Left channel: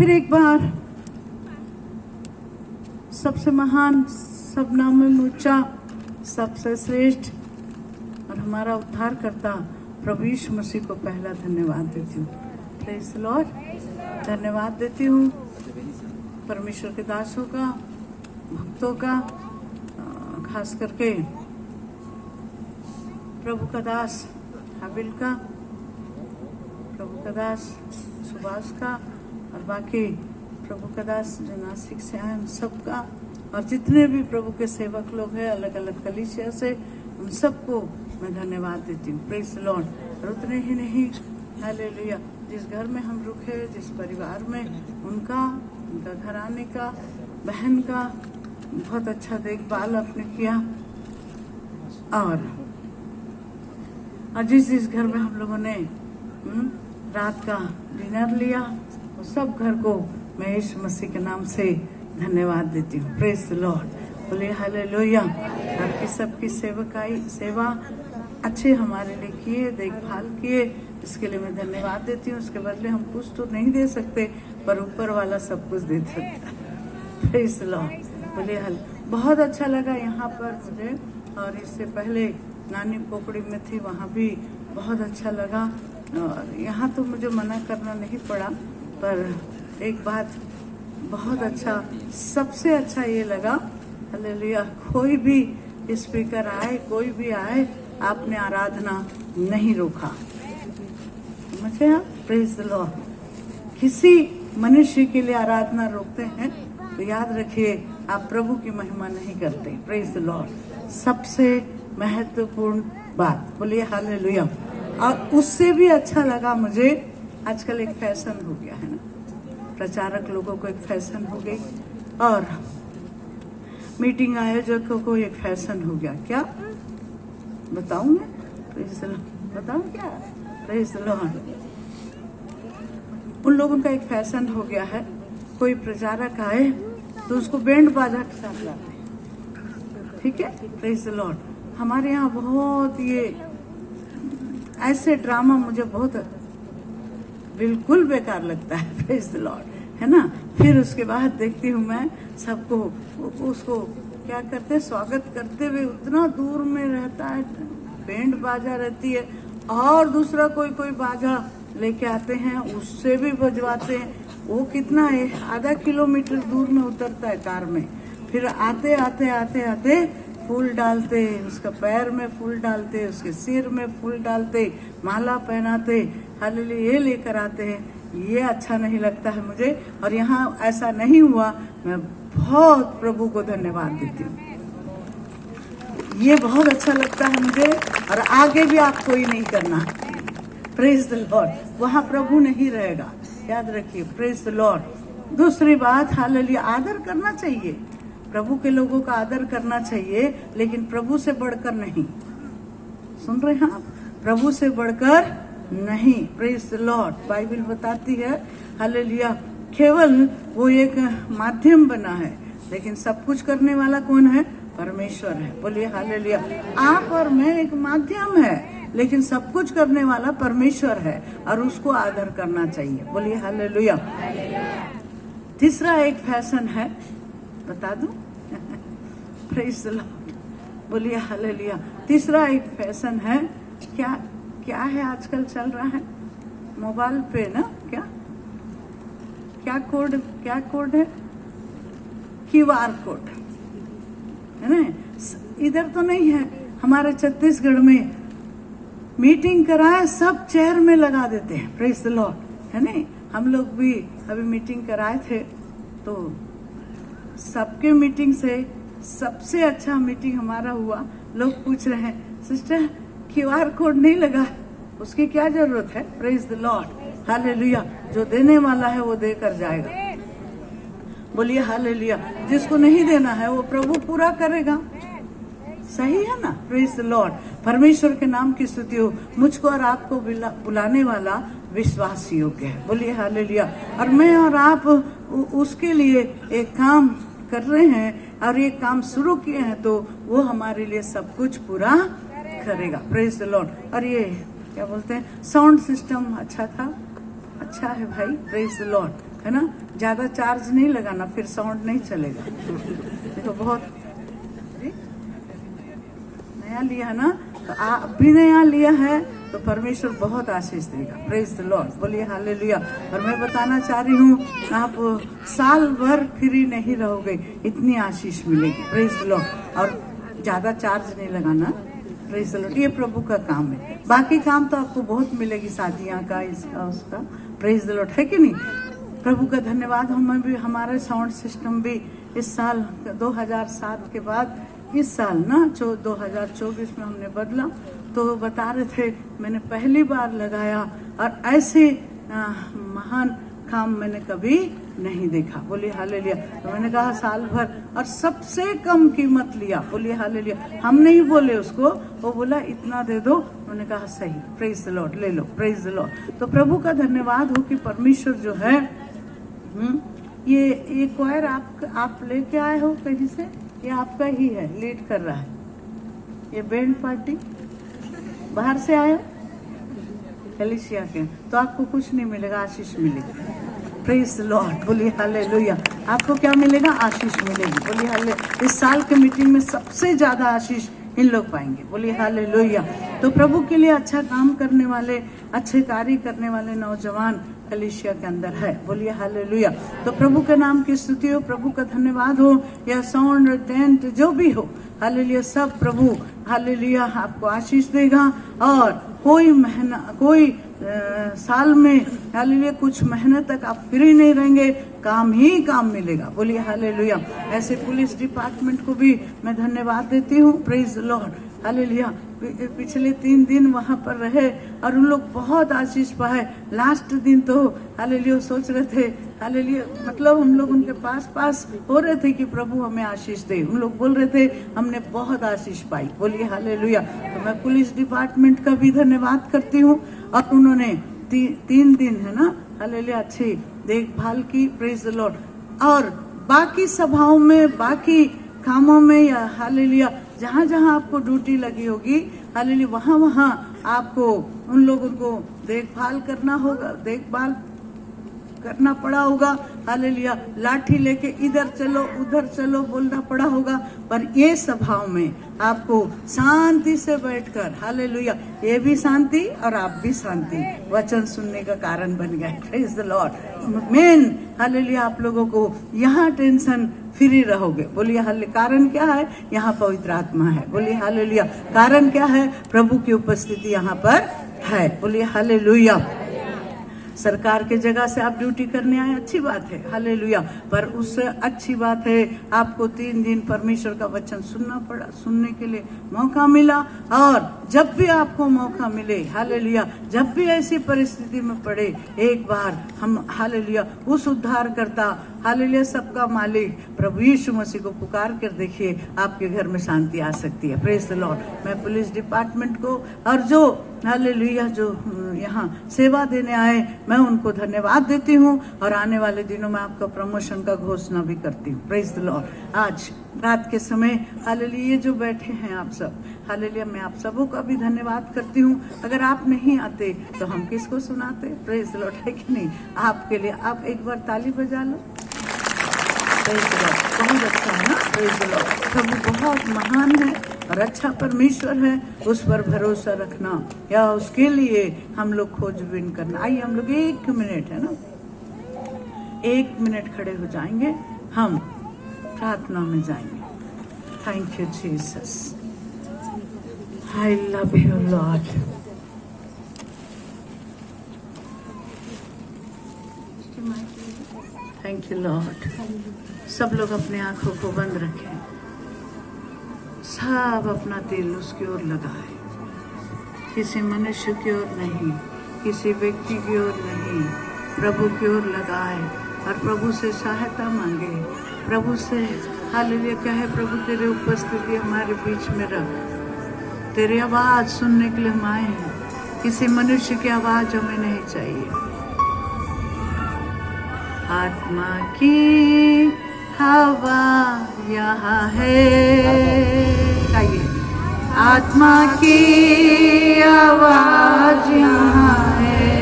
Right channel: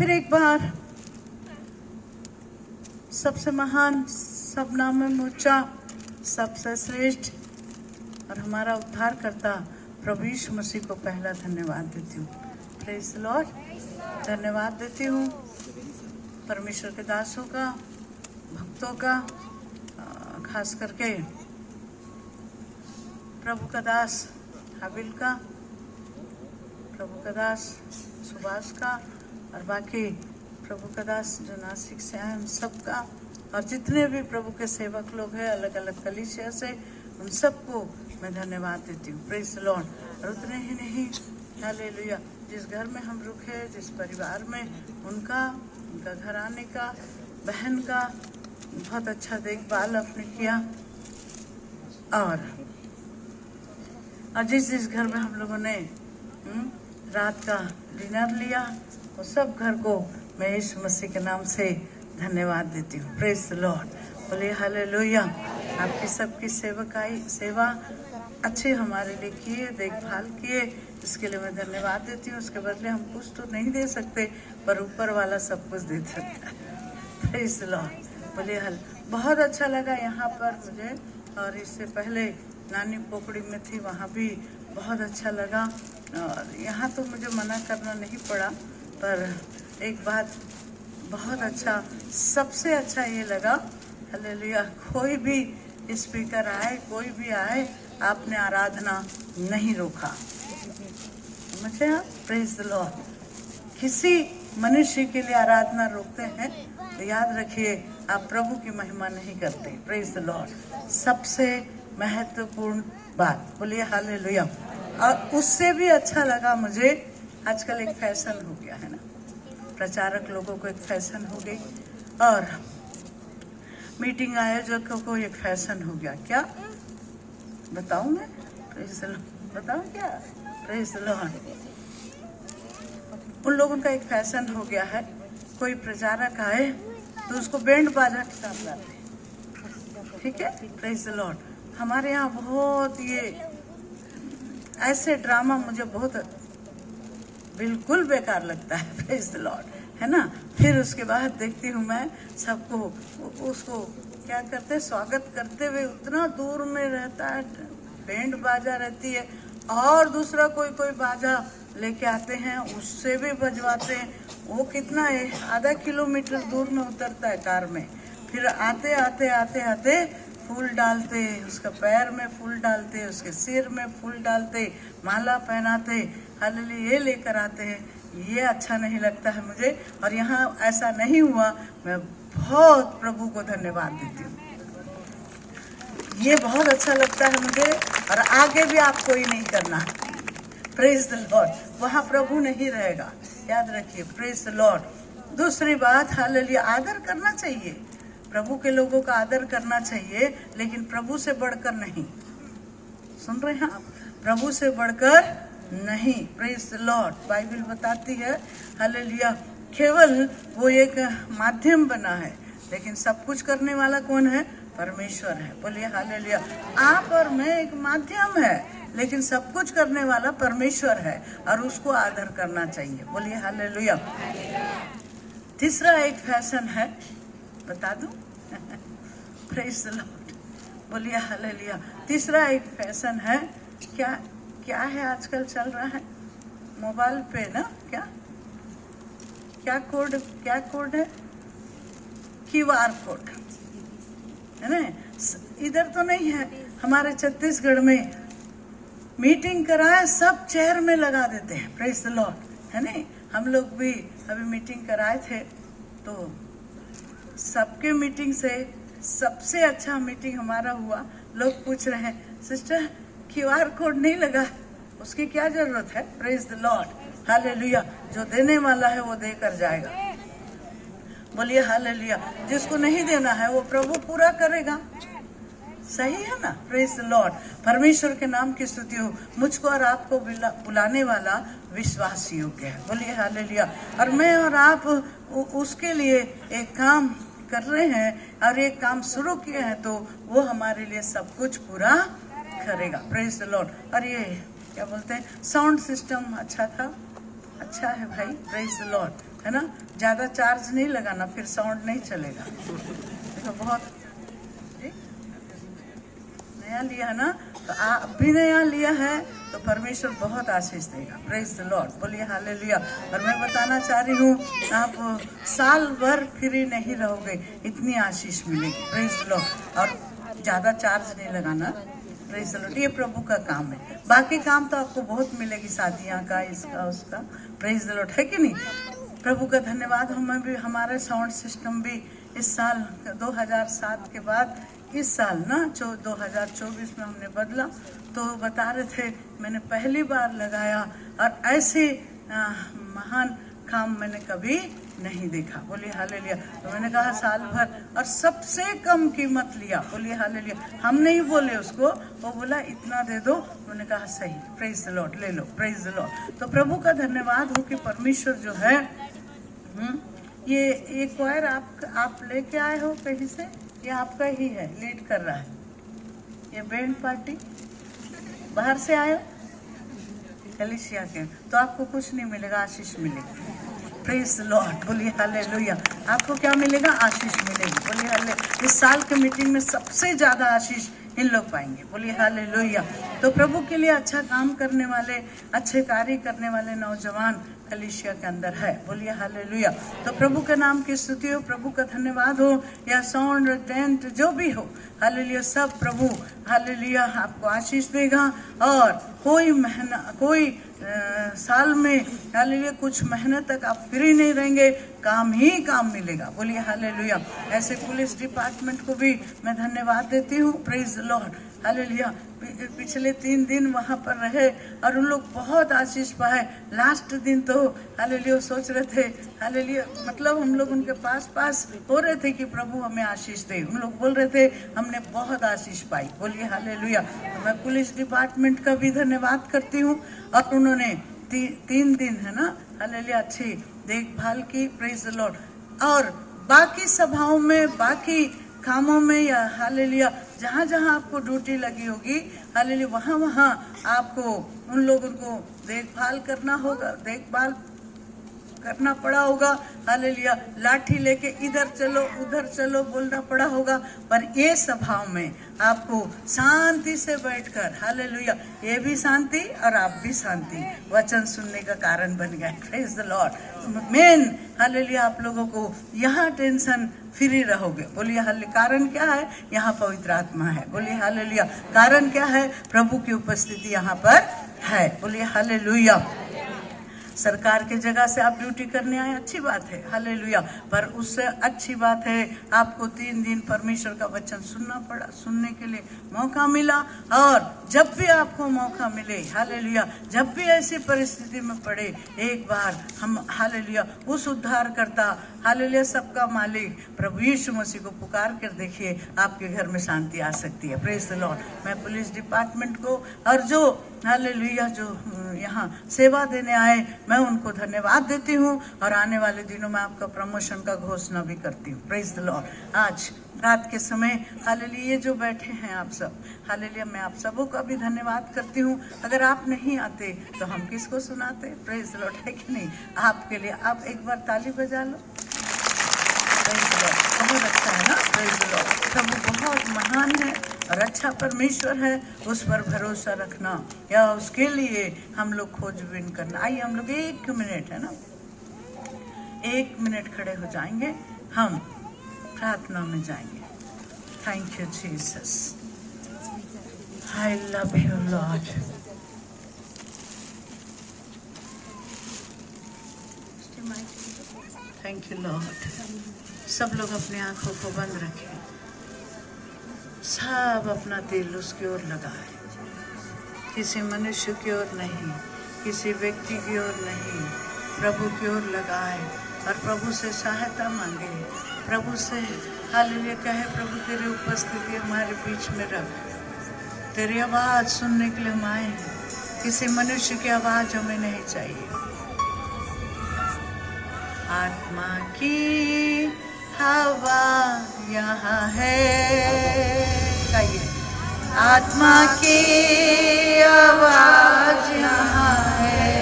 फिर एक बार सबसे महान, सब नामों में ऊंचा, सबसे श्रेष्ठ और हमारा उद्धार करता प्रभु यीशु मसीह को पहला धन्यवाद देती हूँ। Praise the Lord. धन्यवाद देती हूँ परमेश्वर के दासों का, भक्तों का, खास करके प्रभु का दास हाबिल का, प्रभु का दास सुभाष का और बाकी प्रभु का दास जो नासिक से आए सबका, और जितने भी प्रभु के सेवक लोग हैं अलग अलग कलीसिया से, उन सबको मैं धन्यवाद देती हूँ। Praise the Lord. और उतने ही नहीं, हालेलुया, जिस घर में हम रुके, जिस परिवार में, उनका घराने का, बहन का बहुत अच्छा देखभाल आपने किया। और जिस घर में हम लोगों ने रात का डिनर लिया, वो सब घर को मैं यीशु मसीह के नाम से धन्यवाद देती हूँ। Praise the Lord. बोले हालेलुया। आपकी सबकी सेवा अच्छे हमारे लिए किए, देखभाल किए, इसके लिए मैं धन्यवाद देती हूँ। उसके बदले हम कुछ तो नहीं दे सकते, पर ऊपर वाला सब कुछ दे सकता है। Praise the Lord. बोले बहुत अच्छा लगा यहाँ पर मुझे, और इससे पहले नानी पोकड़ी में थी, वहाँ भी बहुत अच्छा लगा। और यहाँ तो मुझे मना करना नहीं पड़ा, पर एक बात बहुत अच्छा, सबसे अच्छा ये लगा, हालेलुया, कोई भी स्पीकर आए, कोई भी आए, आपने आराधना नहीं रोका। मुझे आप प्रेज़ द लॉर्ड। किसी मनुष्य के लिए आराधना रोकते हैं तो याद रखिए आप प्रभु की महिमा नहीं करते। Praise the Lord. सबसे महत्वपूर्ण बात, बोलिए हालेलुया। और उससे भी अच्छा लगा मुझे, आजकल एक फैशन हो गया है ना, प्रचारक लोगों को एक फैशन हो गई, और मीटिंग आयोजकों को एक फैशन हो गया। क्या बताऊं मैं? Praise the Lord. बताऊं क्या? Praise the Lord. उन लोगों का एक फैशन हो गया है, कोई प्रचारक आए तो उसको बैंड बाजा के साथ लाए। ठीक है, प्रेज़ द लॉर्ड। हमारे यहाँ बहुत ये ऐसे ड्रामा मुझे बहुत बिल्कुल बेकार लगता है। प्रेज़ द लॉर्ड, है ना। फिर उसके बाद देखती हूँ मैं सबको, उसको क्या करते, स्वागत करते हुए उतना दूर में रहता है, बैंड बाजा रहती है, और दूसरा कोई बाजा लेके आते हैं, उससे भी बजवाते हैं। वो कितना है, आधा किलोमीटर दूर में उतरता है कार में, फिर आते आते फूल डालते, उसका पैर में फूल डालते, उसके सिर में फूल डालते, माला पहनाते, हालेलुया, ये लेकर आते हैं। ये अच्छा नहीं लगता है मुझे, और यहाँ ऐसा नहीं हुआ। मैं बहुत प्रभु को धन्यवाद देती हूँ, ये बहुत अच्छा लगता है मुझे, और आगे भी आप कोई नहीं करना। Praise the Lord. वहाँ प्रभु नहीं रहेगा, याद रखिए। Praise the Lord. दूसरी बात, हालेलुया, आदर करना चाहिए, प्रभु के लोगों का आदर करना चाहिए, लेकिन प्रभु से बढ़कर नहीं। सुन रहे हैं आप? प्रभु से बढ़कर नहीं। Praise the Lord. बाइबल बताती है, हालेलुया, केवल वो एक माध्यम बना है, लेकिन सब कुछ करने वाला कौन है? परमेश्वर है। बोलिए हालेलुया। आप और मैं एक माध्यम है, लेकिन सब कुछ करने वाला परमेश्वर है, और उसको आदर करना चाहिए। बोलिए हालेलुया। तीसरा एक फैशन है, बता दूं? Praise the lord. बोलिए हालेलुया। तीसरा एक फैशन है, क्या है आजकल चल रहा है मोबाइल पे ना, क्या कोड है? QR कोड, है ना। इधर तो नहीं है, हमारे छत्तीसगढ़ में मीटिंग कराए सब चेयर में लगा देते हैं। प्रेज़ द लॉर्ड, है ना। हम लोग भी अभी मीटिंग कराए थे, तो सबके मीटिंग से सबसे अच्छा मीटिंग हमारा हुआ। लोग पूछ रहे हैं, सिस्टर QR कोड नहीं लगा, उसकी क्या जरूरत है? Praise the lord. हालेलुया। जो देने वाला है वो देकर जाएगा। बोलिए हालेलुया। जिसको नहीं देना है वो प्रभु पूरा करेगा। सही है ना? Praise the Lord. परमेश्वर के नाम की स्तुति हो। मुझको और आपको बुलाने वाला विश्वास योग्य है। बोलिए हालेलुया। और मैं और आप उसके लिए एक काम कर रहे हैं, और एक काम शुरू किए हैं, तो वो हमारे लिए सब कुछ पूरा करेगा। Praise the Lord. और ये क्या बोलते हैं, साउंड सिस्टम अच्छा था, अच्छा है भाई, प्रेज द लॉर्ड, है ना। ज्यादा चार्ज नहीं लगाना, फिर साउंड नहीं चलेगा। तो बहुत नया लिया है ना, तो आप भी नया लिया है तो परमेश्वर बहुत आशीष देगा। प्रेज द लॉर्ड, बोलिए हालेलुया। और मैं बताना चाह रही हूँ, आप साल भर फ्री नहीं रहोगे, इतनी आशीष मिलेगी। Praise the Lord. और ज्यादा चार्ज नहीं लगाना। प्रेज द लॉर्ड, ये प्रभु का काम है। बाकी काम तो आपको बहुत मिलेगी, शादियां का, इसका उसका। प्रेज द लॉर्ड, है कि नहीं। प्रभु का धन्यवाद। हमें भी हमारा साउंड सिस्टम भी इस साल 2007 के बाद इस साल ना 2024 में हमने बदला। तो बता रहे थे, मैंने पहली बार लगाया और ऐसे महान काम मैंने कभी नहीं देखा। बोलिए हालेलुया। तो मैंने कहा साल भर, और सबसे कम कीमत लिया। बोलिए हालेलुया। हम नहीं बोले उसको, वो बोला इतना दे दो। उन्होंने कहा सही, प्रेज द लॉर्ड, ले लो। Praise the Lord. तो प्रभु का धन्यवाद हो कि परमेश्वर जो है, ये क्वायर आप लेके आए हो कहीं से, ये आपका ही है, लीड कर रहा है। ये बैंड पार्टी बाहर से आया एलिशिया के, तो आपको कुछ नहीं मिलेगा, आशीष मिलेगी। प्रेज द लॉर्ड, बोलिए हालेलुया। आपको क्या मिलेगा? आशीष मिलेगी। बोलिए हालेलुया। इस साल के मीटिंग में सबसे ज्यादा आशीष इन लोग पाएंगे। बोलिए हालेलुया। तो प्रभु के लिए अच्छा काम करने वाले, अच्छे कार्य करने वाले नौजवान एलिशिया के अंदर है। बोलिए हालेलुया। तो प्रभु के नाम की स्तुति हो, प्रभु का धन्यवाद हो, या साउंड टेंट जो भी हो, हालेलुया, सब प्रभु हालेलुया आपको आशीष देगा। और कोई साल में हालेलुया कुछ महीने तक आप फ्री नहीं रहेंगे, काम ही काम मिलेगा। बोलिए हालेलुया। ऐसे पुलिस डिपार्टमेंट को भी मैं धन्यवाद देती हूँ। Praise the lord, hallelujah. पिछले 3 दिन वहां पर रहे और उन लोग बहुत आशीष पाए। लास्ट दिन तो हालेलुया सोच रहे थे, हालेलुया, मतलब हम लोग उनके पास हो रहे थे कि प्रभु हमें आशीष दे। उन लोग बोल रहे थे हमने बहुत आशीष पाई। बोलिए हालेलुया। तो मैं पुलिस डिपार्टमेंट का भी धन्यवाद करती हूँ। और उन्होंने 3 दिन है ना हालेलुया अच्छी देखभाल की। Praise the Lord. और बाकी सभाओं में, बाकी कामों में, या हालेलुया जहाँ जहाँ आपको ड्यूटी लगी होगी, हालेलुया वहाँ आपको उन लोगों को देखभाल करना होगा, देखभाल करना पड़ा होगा। हालेलुया। लाठी लेके इधर चलो उधर चलो बोलना पड़ा होगा। पर ये सभाओं में आपको शांति से बैठकर, हालेलुया, ये भी शांति और आप भी शांति, वचन सुनने का कारण बन गए। Praise the Lord. Main hallelujah, आप लोगों को यहाँ टेंशन फ्री रहोगे। बोलिए हालेलुया। कारण क्या है? यहाँ पवित्र आत्मा है। बोलिए हालेलुया। कारण क्या है? प्रभु की उपस्थिति यहाँ पर है। बोलिए हालेलुया। सरकार के जगह से आप ड्यूटी करने आए, अच्छी बात है, हालेलुया। पर उससे अच्छी बात है आपको 3 दिन परमेश्वर का वचन सुनना पड़ा, सुनने के लिए मौका मिला। और जब भी आपको मौका मिले, हालेलुया, जब भी ऐसी परिस्थिति में पड़े, एक बार हम हालेलुया उस उद्धार करता, हालेलुया सबका मालिक प्रभु यीशु मसीह को पुकार कर देखिए, आपके घर में शांति आ सकती है। Praise the Lord. मैं पुलिस डिपार्टमेंट को और जो हालेलुया जो यहाँ सेवा देने आए, मैं उनको धन्यवाद देती हूँ। और आने वाले दिनों में आपका प्रमोशन का घोषणा भी करती हूँ। Praise the Lord. आज रात के समय हालेलुया ये जो बैठे हैं आप सब, हालेलुया, मैं आप सबों का भी धन्यवाद करती हूँ। अगर आप नहीं आते तो हम किसको सुनाते? प्रेज द लॉर्ड, है कि नहीं? आपके लिए आप एक बार ताली बजा लो। Praise the Lord. बहुत अच्छा है ना? Praise the Lord. प्रभु बहुत महान है और अच्छा परमेश्वर है, उस पर भरोसा रखना, या उसके लिए हम लोग खोजबीन करना। आइए हम लोग 1 मिनट, है ना, 1 मिनट खड़े हो जाएंगे, हम प्रार्थना में जाएंगे। Thank you Jesus. I love you Lord. Thank you Lord. सब लोग अपनी आंखों को बंद रखें, सब अपना दिल उसकी ओर लगाए, किसी मनुष्य की ओर नहीं, किसी व्यक्ति की ओर नहीं, प्रभु की ओर लगाए और प्रभु से सहायता मांगे। प्रभु से हालेलुया कहे, प्रभु तेरी उपस्थिति हमारे बीच में रख, तेरी आवाज सुनने के लिए हम आए हैं, किसी मनुष्य की आवाज हमें नहीं चाहिए। आत्मा की हवा यहाँ है, आत्मा की आवाज यहाँ है,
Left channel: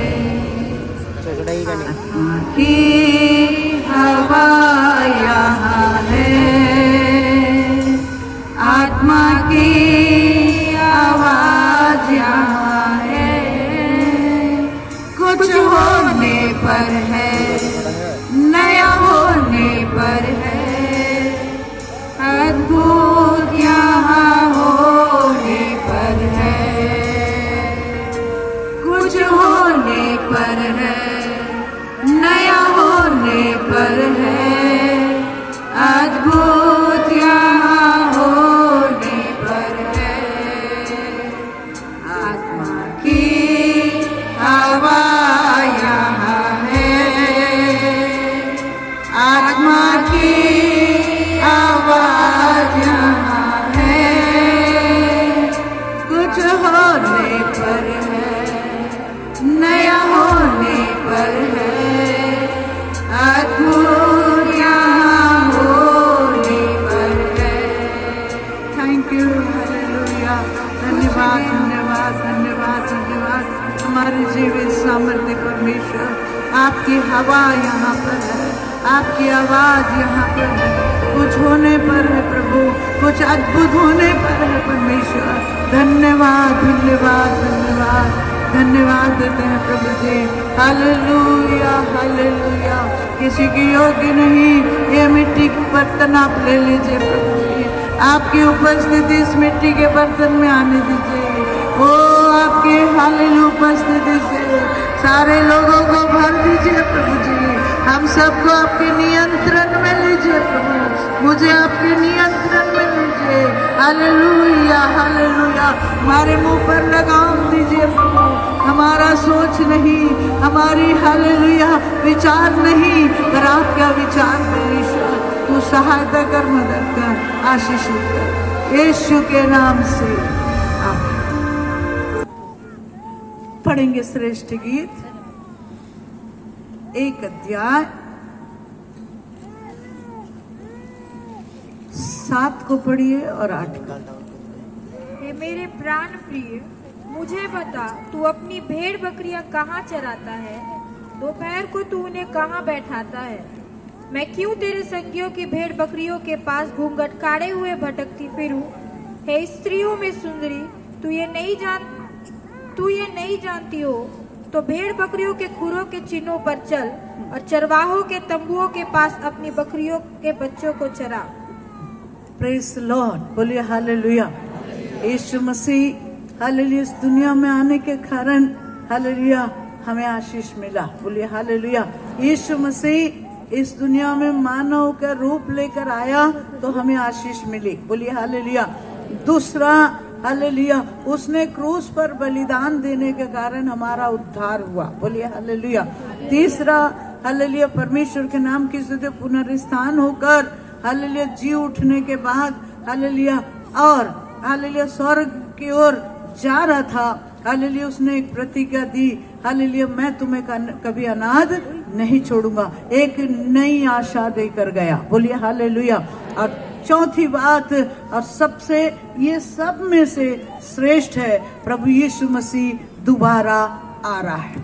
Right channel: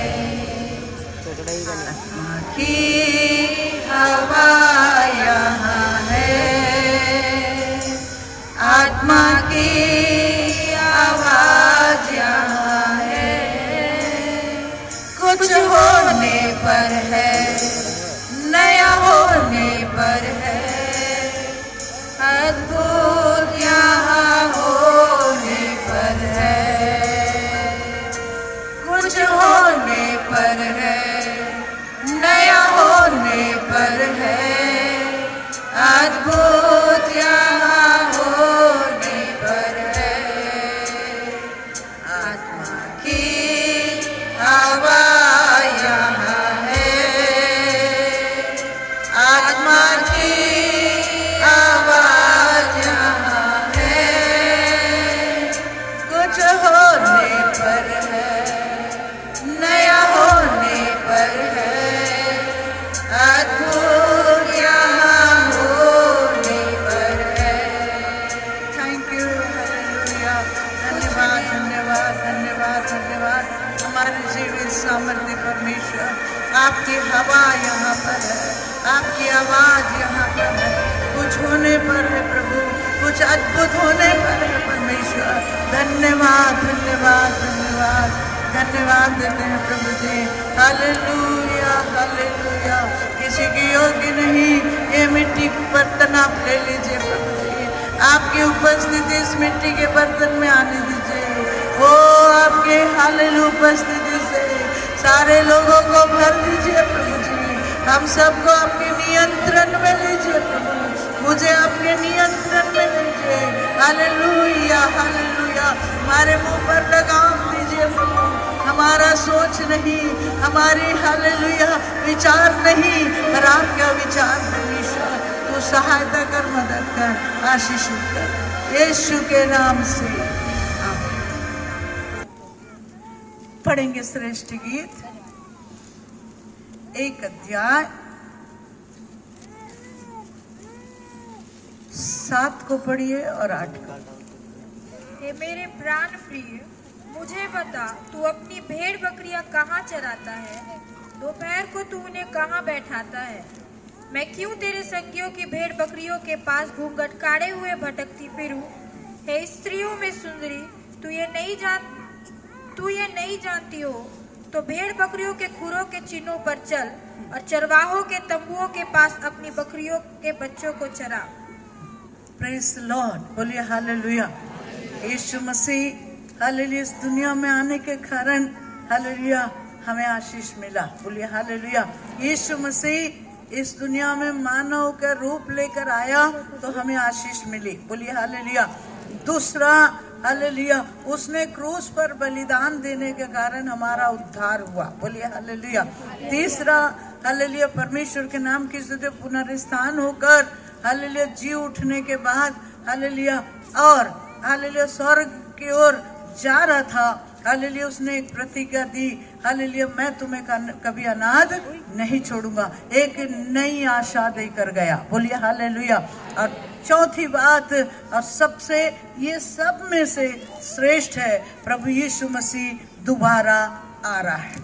का नहीं। की हवा यहाँ है, आत्मा की आवाज यहाँ है, कुछ होने पर है, नया होने पर है, अद्भुत यहाँ होने पर है, कुछ होने पर है, नया होने पर है, अद्भुत यहाँ होने पर है, आत्मा की हवा यहाँ है, आत्मा की आवाज यहाँ है, कुछ होने पर है, नया होने पर है, अद्भुत यहाँ होने पर है। Thank you, hallelujah. धन्यवाद धन्यवाद धन्यवाद धन्यवाद हमारे जीवन सामर्थ्य परमेश्वर, आपकी हवा यहाँ पर है, आपकी आवाज यहाँ पर है, कुछ होने पर है प्रभु, कुछ अद्भुत होने पर है परमेश्वर। धन्यवाद धन्यवाद धन्यवाद धन्यवाद देते हैं प्रभु जी। Hallelujah hallelujah. किसी के योग्य नहीं, ये मिट्टी के बर्तन आप ले लीजिए प्रभु जी, आपकी उपस्थिति इस मिट्टी के बर्तन में आने दीजिए। ओ आपके हालेलुया उपस्थिति से सारे लोगों को भर दीजिए प्रभु जी, हम सबको आपके नियंत्रण में लीजिए प्रभु, मुझे आपके नियंत्रण में लीजिए। Hallelujah hallelujah. हमारे मुंह पर लगाम दीजिए प्रभु, हमारा सोच नहीं, हमारी हालेलुया विचार नहीं, पर आपका विचार परमेश्वर, तू सहायता कर, मदद कर, आशीष कर, यीशु के नाम से आमीन। पढ़ेंगे श्रेष्ठ गीत 1 अध्याय 7 को पढ़िए और 8 को। हे मेरे प्राण प्रिय, मुझे बता, तू अपनी भेड़ बकरियां कहाँ चराता है? दोपहर को तू उन्हें कहाँ बैठाता है? मैं क्यों तेरे संगियों की भेड़ बकरियों के पास घूंघट काढ़े हुए भटकती फिरूं? हे स्त्रियों में सुंदरी, तू ये नहीं जानती हो तो भेड़ बकरियों के खुरों के चिन्हों पर चल और चरवाहों के तंबुओं के पास अपनी बकरियों के बच्चों को चरा। प्रेज द लॉर्ड, बोलिए हालेलुया। यीशु मसीह हालेलुया इस दुनिया में आने के कारण हालेलुया हमें आशीष मिला, बोलिए हालेलुया। यीशु मसीह इस दुनिया में मानव का रूप लेकर आया तो हमें आशीष मिली, बोलिए हालेलुया। दूसरा हालेलुया, उसने क्रूस पर बलिदान देने के कारण हमारा उद्धार हुआ, बोलिए हालेलुया। तीसरा हालेलुया, परमेश्वर के नाम की स्तुति, पुनरुत्थान होकर हालेलुया जी उठने के बाद हालेलुया और हालेलुया स्वर्ग की ओर जा रहा था, हालेलुया उसने एक प्रतिज्ञा दी, हालेलुया मैं तुम्हें कभी अनाथ नहीं छोड़ूंगा, एक नई आशा देकर गया, बोलिए हालेलुया। और चौथी बात और सबसे ये सब में से श्रेष्ठ है, प्रभु यीशु मसीह दोबारा आ रहा है।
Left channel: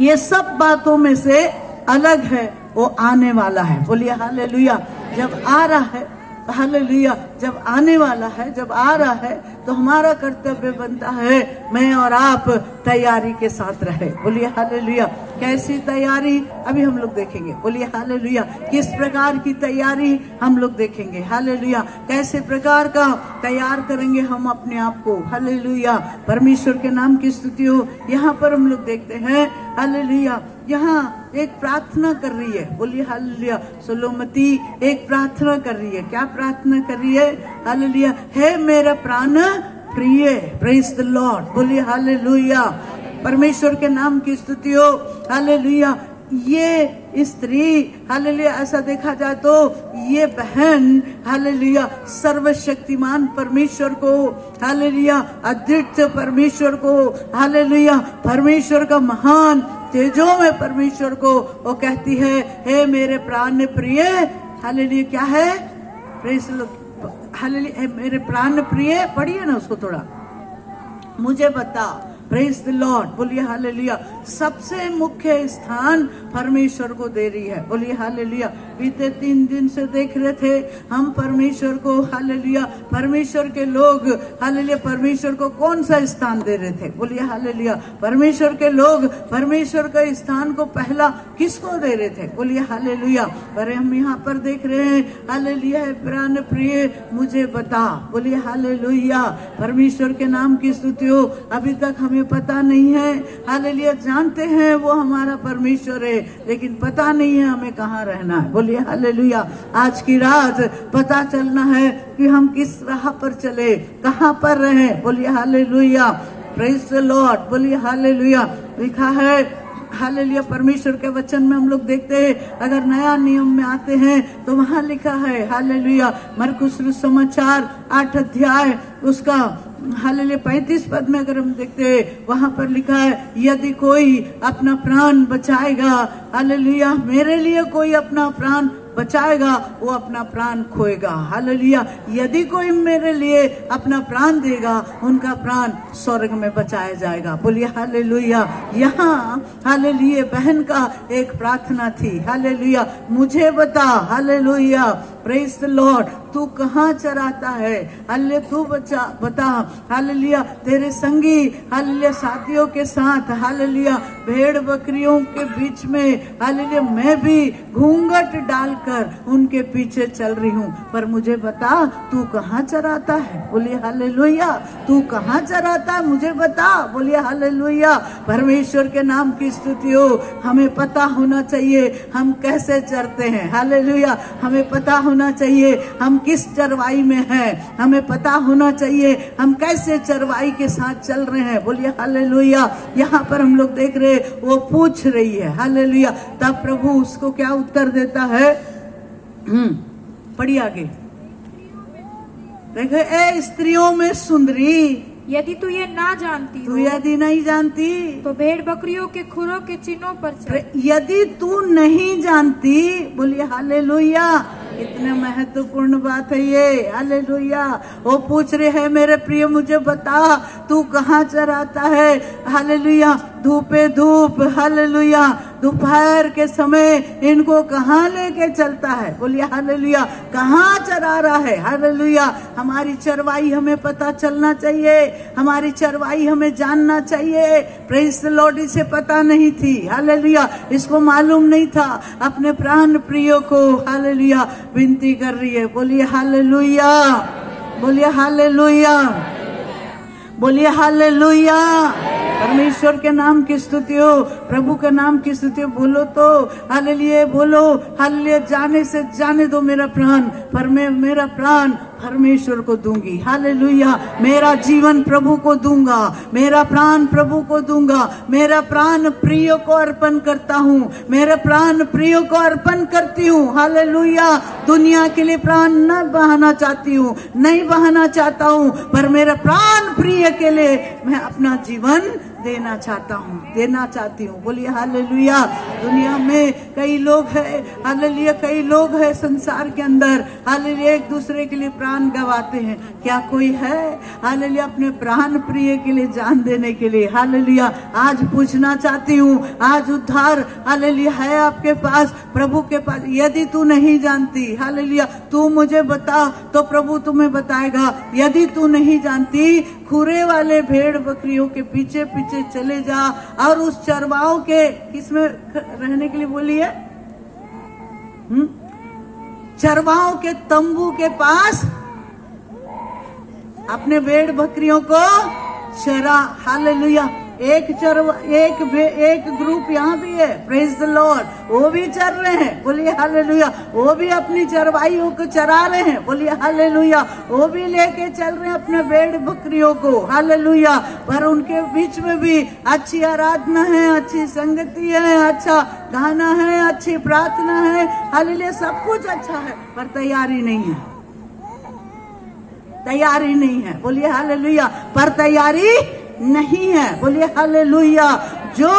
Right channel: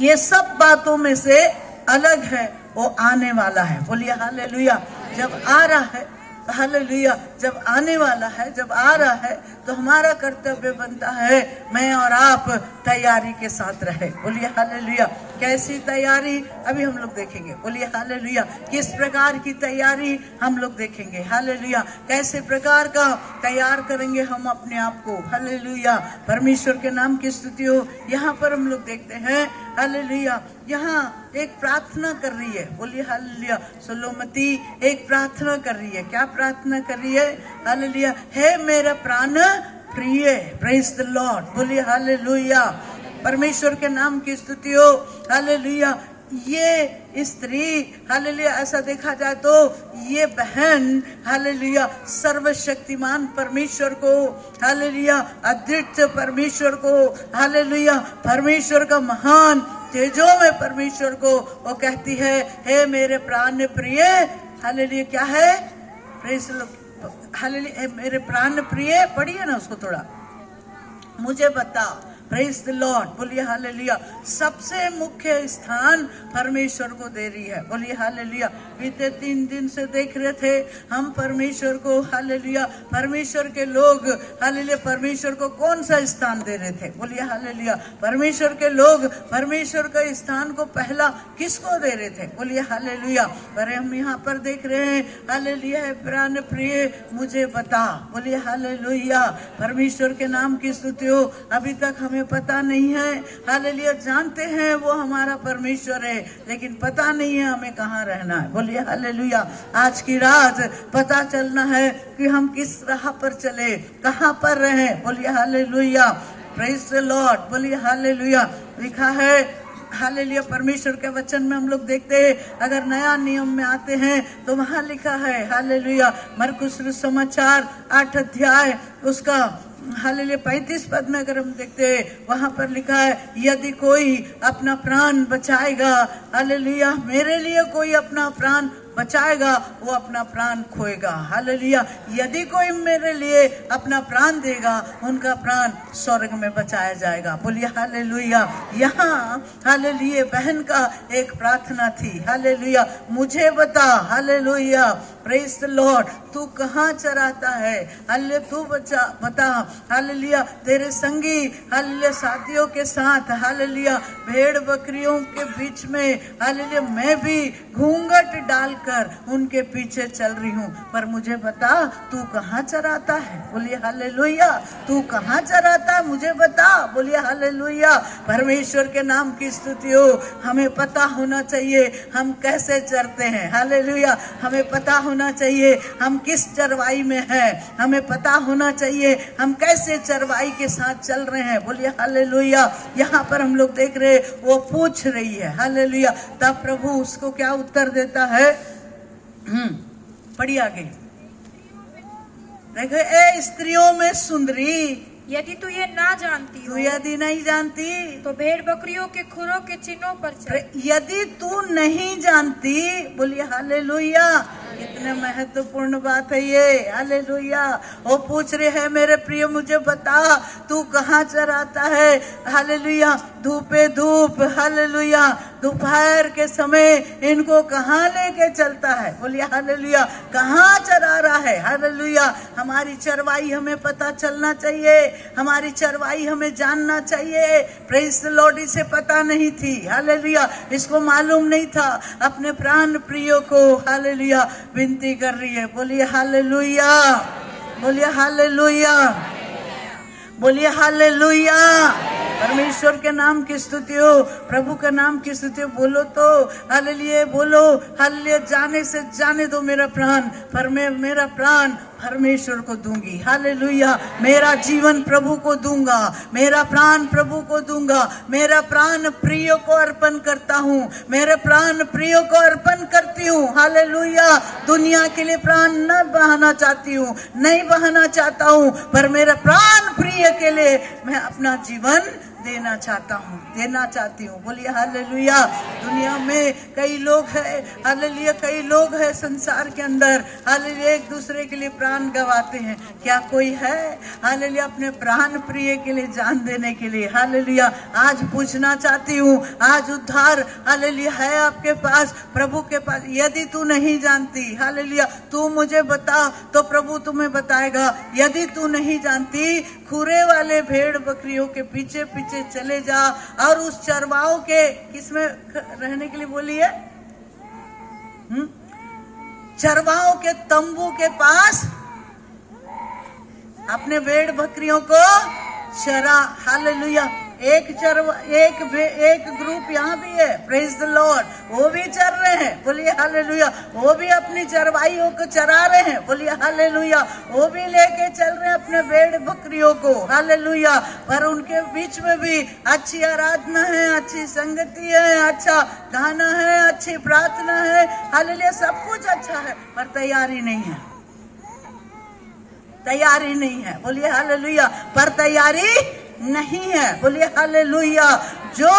ये सब बातों में से अलग है, वो आने वाला है, बोलिए हालेलुया। जब आ रहा है हालेलुया, जब आने वाला है, जब आ रहा है तो हमारा कर्तव्य बनता है मैं और आप तैयारी के साथ रहे, बोलिए हालेलुया। कैसी तैयारी अभी हम लोग देखेंगे, बोलिए हालेलुया। किस प्रकार की तैयारी हम लोग देखेंगे, हालेलुया। कैसे प्रकार का तैयार करेंगे हम अपने आप को, हालेलुया। परमेश्वर के नाम की स्तुति हो। यहाँ पर हम लोग देखते हैं हालेलुया, यहाँ एक प्रार्थना कर रही है, बोलिए हालेलुया। सुलोमती एक प्रार्थना कर रही है, क्या प्रार्थना कर रही है? हालेलुया, हे मेरे प्राण प्रिय, प्रेज द लॉर्ड, बोलिए हालेलुया। परमेश्वर के नाम की स्तुति हो, हालेलुया। ये स्त्री हालेलुया, ऐसा देखा जाए तो ये बहन हालेलुया सर्वशक्तिमान परमेश्वर को, हालेलुया अद्वितीय परमेश्वर को, हालेलुया परमेश्वर का महान तेजो में परमेश्वर को वो कहती है, हे मेरे प्राण प्रिय, हालेलुया क्या है? हालेलुया मेरे प्राण प्रिय, पढ़िए ना उसको थोड़ा। मुझे बता, प्रेज द लॉर्ड, बोलिए हालेलुया। सबसे मुख्य स्थान परमेश्वर को दे रही है, बोलिए हालेलुया। बीते 3 दिन से देख रहे थे हम परमेश्वर को, हालेलुया। परमेश्वर के लोग, हालेलुया, परमेश्वर को कौन सा स्थान दे रहे थे, बोलिए हालेलुया। परमेश्वर के लोग परमेश्वर के स्थान को पहला किसको दे रहे थे, बोलिए हालेलुया। पर हम यहाँ पर देख रहे हैं, हालेलुया, प्राण प्रिय मुझे बता, बोलिए हालेलुया। परमेश्वर के नाम की स्तुति हो। अभी तक हमें पता नहीं है, हालेलुया। जानते हैं वो हमारा परमेश्वर है, लेकिन पता नहीं है हमें कहाँ रहना है, बोलिए हालेलुया। आज की रात पता चलना है कि हम किस राह पर चले, कहाँ पर रहे, बोलिए हालेलुया। प्रेज द लॉर्ड, बोलिए हालेलुया। लिखा है, हालेलुया, परमेश्वर के वचन में हम लोग देखते हैं, अगर नया नियम में आते हैं तो वहाँ लिखा है, हालेलुया, मरकुस समाचार 8 अध्याय उसका हालेलुया 35 पद में अगर हम देखते हैं, वहाँ पर लिखा है, यदि कोई अपना प्राण बचाएगा, हालेलुया, मेरे लिए कोई अपना प्राण बचाएगा वो अपना प्राण खोएगा, हालेलुया। यदि कोई मेरे लिए अपना प्राण देगा उनका प्राण स्वर्ग में बचाया जाएगा, बोलिए हालेलुया। यहाँ हालेलुया बहन का एक प्रार्थना थी, हालेलुया, मुझे बता, हालेलुया, प्रेज द लॉर्ड, तू कहाँ चराता है, हालेलुया, तू बता, हालेलुया, तेरे संगी, हालेलुया, साथियों के साथ, हालेलुया, भेड़ बकरियों के बीच में, हालेलुया, मैं भी घूंघट डालकर उनके पीछे चल रही हूँ, पर मुझे बता तू कहाँ चराता है, बोलिए हालेलुया। तू कहाँ चराता है मुझे बता, बोलिए हालेलुया। परमेश्वर के नाम की स्तुति हो। हमें पता होना चाहिए हम कैसे चरते हैं, हालेलुया। हमें पता होना चाहिए हम किस चरवाई में हैं, हमें पता होना चाहिए हम कैसे चरवाई के साथ चल रहे हैं, बोलिए हालेलुया। यहाँ पर हम लोग देख रहे, वो पूछ रही है, हालेलुया। तब प्रभु उसको क्या उत्तर देता है, पढ़िए आगे, देखो, ए स्त्रियों में सुंदरी, यदि तू ये ना जानती तू यदि नहीं जानती तो भेड़ बकरियों के खुरों के चिन्हों पर चल। यदि तू नहीं जानती, बोलिए हालेलुया। इतने महत्वपूर्ण बात है ये, हालेलुया। वो पूछ रहे हैं, मेरे प्रिय मुझे बता तू कहाँ चराता है, हालेलुया। धूपे धूप, हालेलुया, दोपहर के समय इनको कहाँ लेके चलता है, बोलिए हालेलुया। कहाँ चरा रहा है, हालेलुया। हमारी चरवाई हमें पता चलना चाहिए, हमारी चरवाई हमें जानना चाहिए। प्रेज द लॉर्ड, इसे पता नहीं थी, हालेलुया, इसको मालूम नहीं था। अपने प्राण प्रियो को, हालेलुया, विनती कर रही है, बोलिए हालेलुया, बोलिए हालेलुया, बोलिए हालेलुया। परमेश्वर के नाम की स्तुति हो, प्रभु के नाम की स्तुति हो। बोलो तो हालेलुया, बोलो हालेलुया। जाने से जाने दो मेरा प्राण, पर मैं मेरा प्राण परमेश्वर को दूंगी, हालेलुया। मेरा जीवन प्रभु को दूंगा, मेरा प्राण प्रभु को दूंगा, मेरा प्राण प्रिय को अर्पण करता हूँ, मेरे प्राण प्रिय को अर्पण करती हूँ, हालेलुया। दुनिया के लिए प्राण न बहाना चाहती हूँ, नहीं बहाना चाहता हूँ, पर मेरे प्राण प्रिय के लिए मैं अपना जीवन देना चाहता हूँ, देना चाहती हूँ, बोलिए हालेलुया। दुनिया में कई लोग हैं, हालेलुया, कई लोग हैं संसार के अंदर, हालेलुया, एक दूसरे के लिए प्राण गवाते हैं। क्या कोई है, हालेलुया, अपने प्राण प्रिय के लिए जान देने के लिए, हालेलुया। आज पूछना चाहती हूँ, आज उद्धार, हालेलुया, है आपके पास, प्रभु के पास। यदि तू नहीं जानती, हालेलुया, तू मुझे बता तो प्रभु तुम्हें बताएगा। यदि तू नहीं जानती, खुरे वाले भेड़ बकरियों के पीछे पीछे चले जा और उस चरवाओं के किसमें रहने के लिए बोलिए, चरवाओं के तंबू के पास अपने भेड़ बकरियों को चरा, हालेलुया। एक ग्रुप यहाँ भी है, प्रेज द लॉर्ड, वो भी चर रहे हैं, बोलिए हालेलुया। वो भी अपनी चरवाइयों को चरा रहे हैं, बोलिए हालेलुया। वो भी लेके चल रहे हैं अपने भेड़ बकरियों को, हालेलुया। पर उनके बीच में भी अच्छी आराधना है, अच्छी संगति है, अच्छा गाना है, अच्छी प्रार्थना है, हालेलुया, सब कुछ अच्छा है, पर तैयारी नहीं है, तैयारी नहीं है, बोलिए हालेलुया। पर तैयारी नहीं है, बोलिए हालेलुया। जो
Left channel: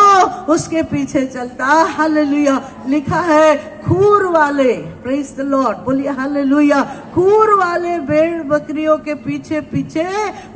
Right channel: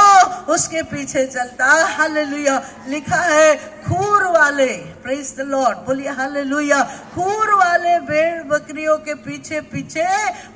उसके पीछे चलता। हालेलुया। लिखा है खूर वाले, प्रेज द लॉर्ड, बोलिए हालेलुया, खूर वाले भेड़ बकरियों के पीछे पीछे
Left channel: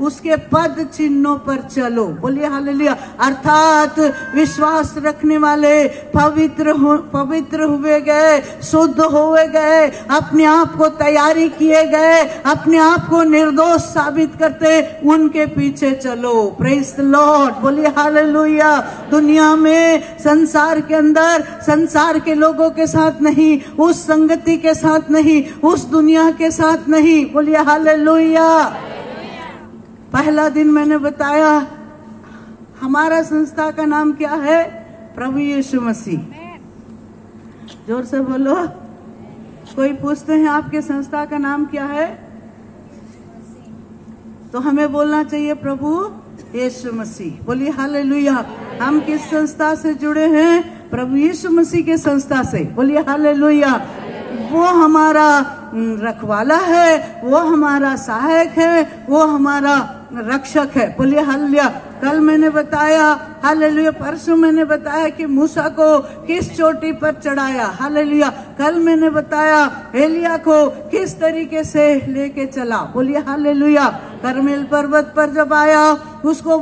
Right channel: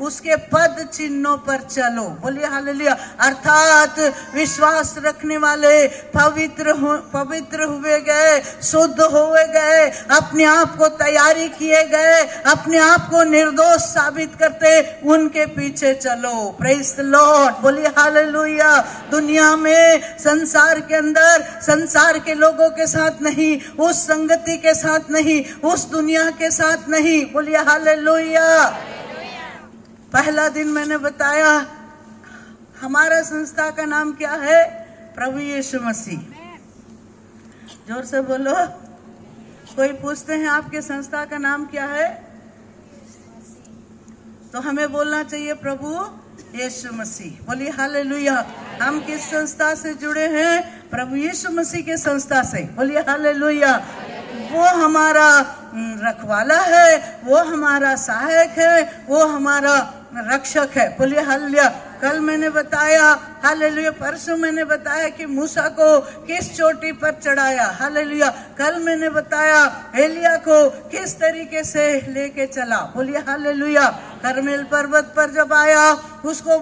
उसके पद चिन्हों पर चलो, बोलिए हालेलुया। अर्थात विश्वास रखने वाले पवित्र हुए गए, शुद्ध हुए गए, अपने आप को तैयारी किए गए, अपने आप को निर्दोष साबित करते, उनके पीछे चलो, प्रेज द लॉर्ड, बोलिए हालेलुया। दुनिया में, संसार के अंदर, संसार के लोगों के साथ नहीं, उस संगति के साथ नहीं, उस दुनिया के साथ नहीं, बोलिए हालेलुया। पहला दिन मैंने बताया हमारा संस्था का नाम क्या है, प्रभु यीशु मसीह। जोर से बोलो। कोई पूछते हैं आपके संस्था का नाम क्या है, तो हमें बोलना चाहिए प्रभु यीशु मसीह, बोलिए हालेलुया। हम किस संस्था से जुड़े हैं, प्रभु यीशु मसीह के संस्था से, बोलिए हालेलुया। वो हमारा रखवाला है, वो हमारा सहायक है, वो हमारा रक्षक है, बोलिए हालेलुया। कल मैंने बताया हालेलुया, परसों मैंने बताया कि मूसा को किस चोटी पर चढ़ाया, हालेलुया। कल मैंने बताया एलिया को किस तरीके से लेके चला, बोलिए हालेलुया। कर्मेल पर्वत पर जब आया, उसको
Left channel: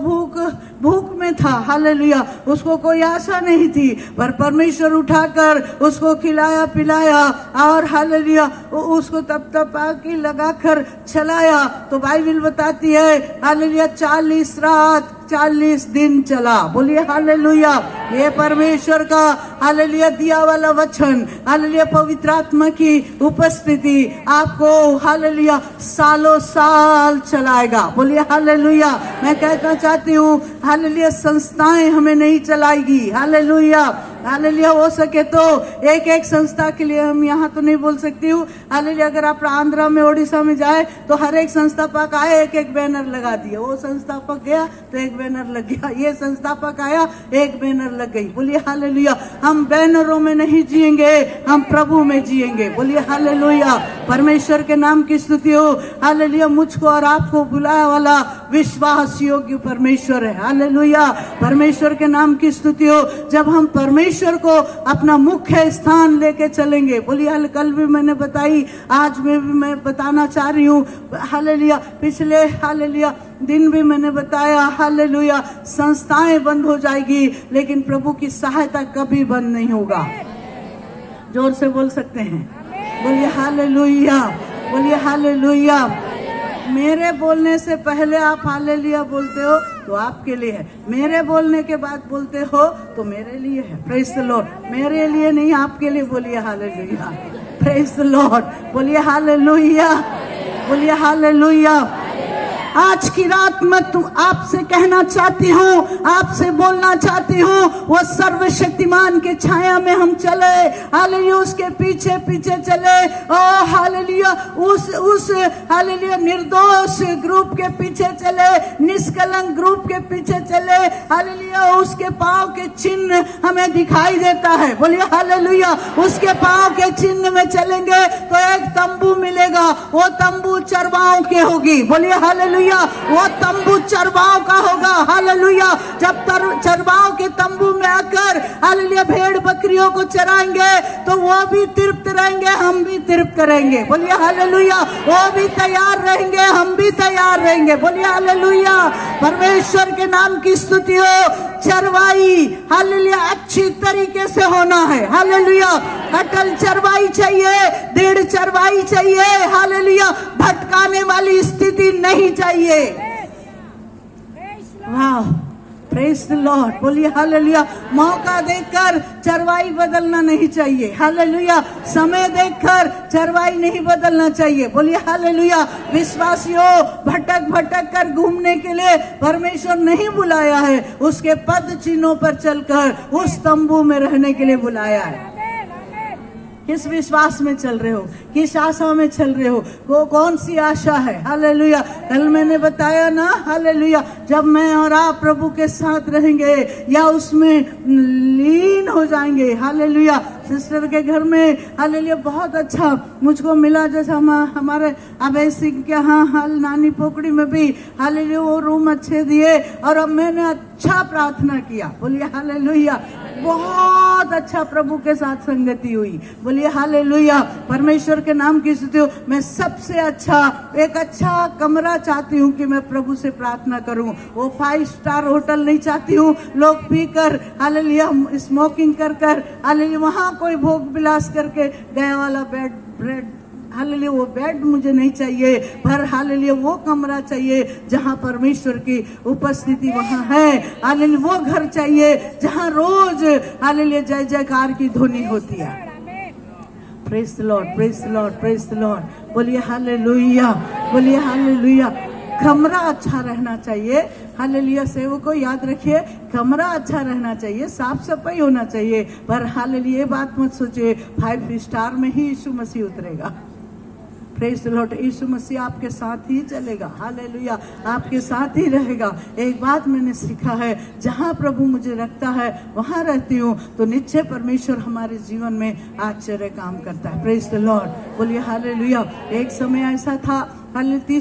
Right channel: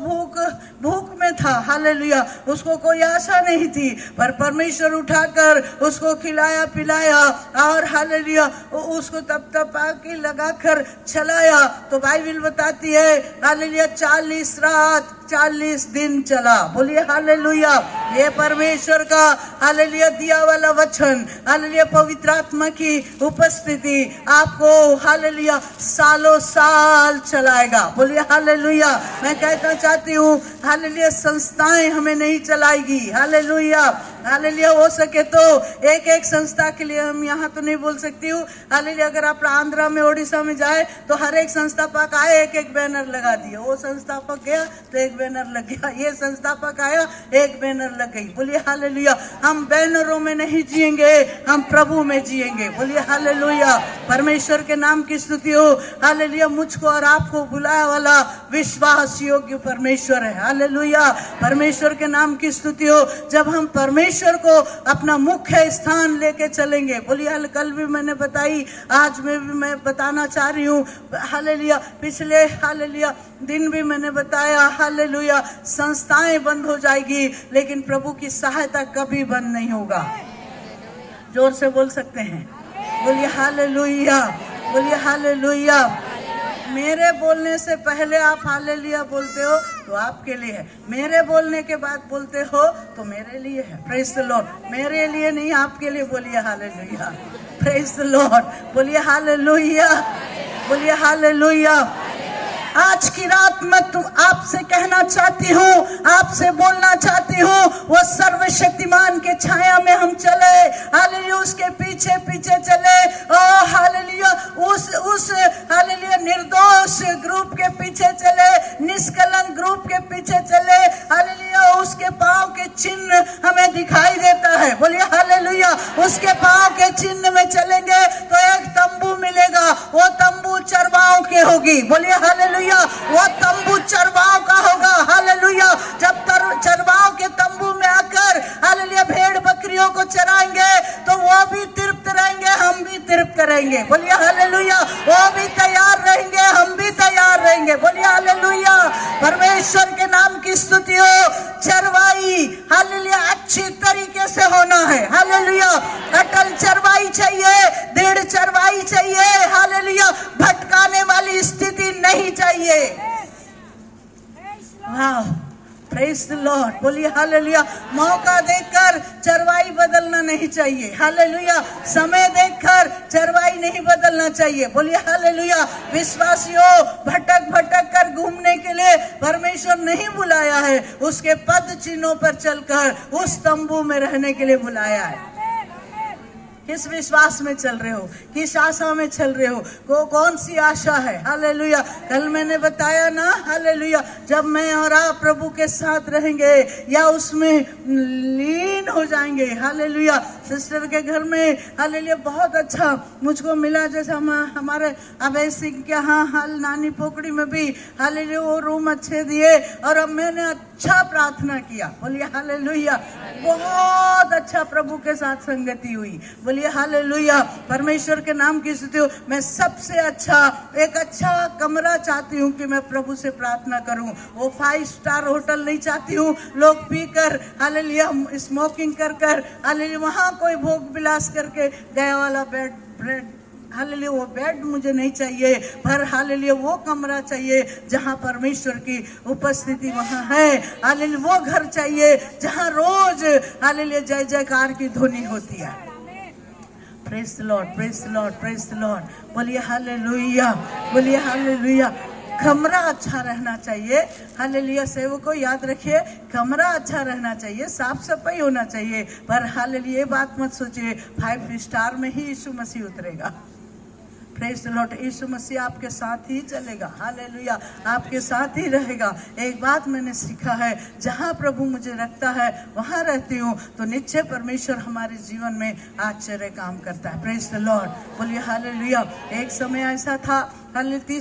भूख में था, हालेलुया, उसको कोई आशा नहीं थी, पर परमेश्वर उठाकर उसको खिलाया पिलाया और हालेलुया उसको तप आग लगाकर चलाया। तो बाइबल बताती है हालेलुया 40 रात 40 दिन चला, बोलिए हालेलुया। ये परमेश्वर का हालेलुया दिया वाला वचन, हालेलुया पवित्र आत्मा की उपस्थिति आपको हालेलुया सालों साल चलाएगा, बोलिए हालेलुया। मैं कहना चाहती हूँ हालेलुया संस्थाएं हमें नहीं चलाएगी, हालेलुया हालेलुया। हो सके तो एक एक संस्था के लिए, हम यहाँ तो नहीं बोल सकती हूँ, हालेलुया अगर आप आंध्रा में ओडिशा में जाए तो हर एक संस्थापक आए, एक एक बैनर लगा दिए, वो संस्थापक गया तो एक बैनर लग गया, ये संस्थापक आया एक बैनर लग गई, बोलिए हालेलुया। हम बैनरों में नहीं जिएंगे, हम प्रभु में जिएंगे, बोलिए हालेलुया। परमेश्वर के नाम की स्तुति हो, हालेलुया। मुझको और आपको बुलाया वाला विश्वास योग्य परमेश्वर है, हालेलुया। परमेश्वर के नाम की स्तुति हो। जब हम परमेश्वर को अपना मुख्य स्थान लेके चलेंगे, बोलिए, कल भी मैंने बताई, आज में भी मैं बताना चाह रही हूँ, हालेलुया। पिछले हालेलुया दिन भी मैंने बताया, हालेलुया संस्थाएं बंद हो जाएगी, लेकिन प्रभु की सहायता कभी बंद नहीं होगा। जोर से बोल सकते हैं, बोलिए हालेलुया, बोलिए हालेलुया। मेरे बोलने से पहले आप हालेलुया बोलते हो तो आपके लिए है, मेरे बोलने के बाद बोलते हो तो मेरे लिए है, प्रेज द लॉर्ड। मेरे लिए नहीं, आपके लिए, बोलिए हालेलुया, प्रेज द लॉर्ड, बोलिए हालेलुया, बोलिए हालेलुया। आज की रात मैं आपसे कहना चाहती हूँ, आपसे बोलना चाहती हूँ, वो सर्वशक्तिमान के छाया में हम चले, हालेलुया उसके पीछे पीछे चले, ओ हालेलुया उस हालेलुया निर्दोष ग्रुप के पीछे चले, निष्कलंक ग्रुप के पीछे चले, हालेलुया उसके पांव के चिन्ह हमें दिखाई देता है, बोलिए हालेलुया। उसके पांव के चिन्ह में चलेंगे तो एक तंबू मिलेगा, वो तंबू चरवाओं के होगी, बोलिए हालेलुया। वो तंबू चरवाओं का होगा, हालेलुया। जब चरवाओं के तंबू में आकर हालेलुया भेड़ बकरियों को चराएंगे तो वो भी तृप्त रहेंगे, हम भी तृप्त रहेंगे, बोलिए हालेलुया। वो भी तैयार रहेंगे, हम भी तैयार रहेंगे, बोलिए हालेलुया। परमेश्वर के नाम की स्तुति हो। चरवाई हालेलुया अच्छी तरीके से होना है, हालेलुया। अटल चरवाई चाहिए, दृढ़ चरवाई चाहिए, हालेलुया। भटकाने वाली स्थिति नहीं चाहिए। वाह, प्रेज द लॉर्ड, बोलिए हालेलुया। मौका देखकर चरवाई बदलना नहीं चाहिए, हालेलुया। समय देखकर चरवाई नहीं बदलना चाहिए, बोलिए हालेलुया। विश्वासियों, भटक भटक कर घूमने के लिए परमेश्वर नहीं बुलाया है, उसके पद चिन्हों पर चलकर उस तंबू में रहने के लिए बुलाया है। किस विश्वास में चल रहे हो, किस आशा में चल रहे हो, कौन सी आशा है, हालेलुया। कल मैंने बताया ना, हालेलुया, जब मैं और आप प्रभु के साथ रहेंगे या उसमें लीन हो जाएंगे। हालेलुया। सिस्टर के घर में हालेलुया बहुत अच्छा मुझको मिला, जैसा हमारे अभय सिंह के यहाँ हाल नानी पोखड़ी में भी हालेलुया वो रूम अच्छे दिए, और अब मैंने अच्छा प्रार्थना किया। बोलिए हालेलुया। बहुत अच्छा प्रभु के साथ संगति हुई। बोलिए हालेलुया। परमेश्वर के नाम की स्तुति हो। मैं सबसे अच्छा एक अच्छा कमरा चाहती हूँ कि मैं प्रभु से प्रार्थना करूँ। वो 5 स्टार होटल नहीं चाहती हूँ, लोग पी कर हालेलुया स्मोकिंग कर कर हालेलुया वहाँ कोई भोग विलास करके गया वाला ब्रेड हालेलुया वो बेड मुझे नहीं चाहिए, पर हालेलुया वो कमरा चाहिए जहाँ परमेश्वर की उपस्थिति वहाँ है। हालेलुया वो घर चाहिए जहाँ रोज हालेलुया जय जयकार की ध्वनि होती है। Praise the Lord, praise the Lord, praise the lord. बोलिए हालेलुया, बोलिए हालेलुया। कमरा अच्छा रहना चाहिए। हालेलुया। सेवकों याद रखिए, कमरा अच्छा रहना चाहिए, साफ सफाई होना चाहिए, पर हालेलुया ये बात मत सोचिए 5 स्टार में ही यीशु मसीह उतरेगा। Praise the lord. Yeshu Masih आपके साथ ही चलेगा। हालेलुया। आपके साथ ही रहेगा। एक बात मैंने सीखा है, जहाँ प्रभु मुझे रखता है वहाँ रहती हूँ, तो निश्चय परमेश्वर हमारे जीवन में आश्चर्य काम करता है। Praise the lord. बोलिए हालेलुया। एक समय ऐसा था हालेलुया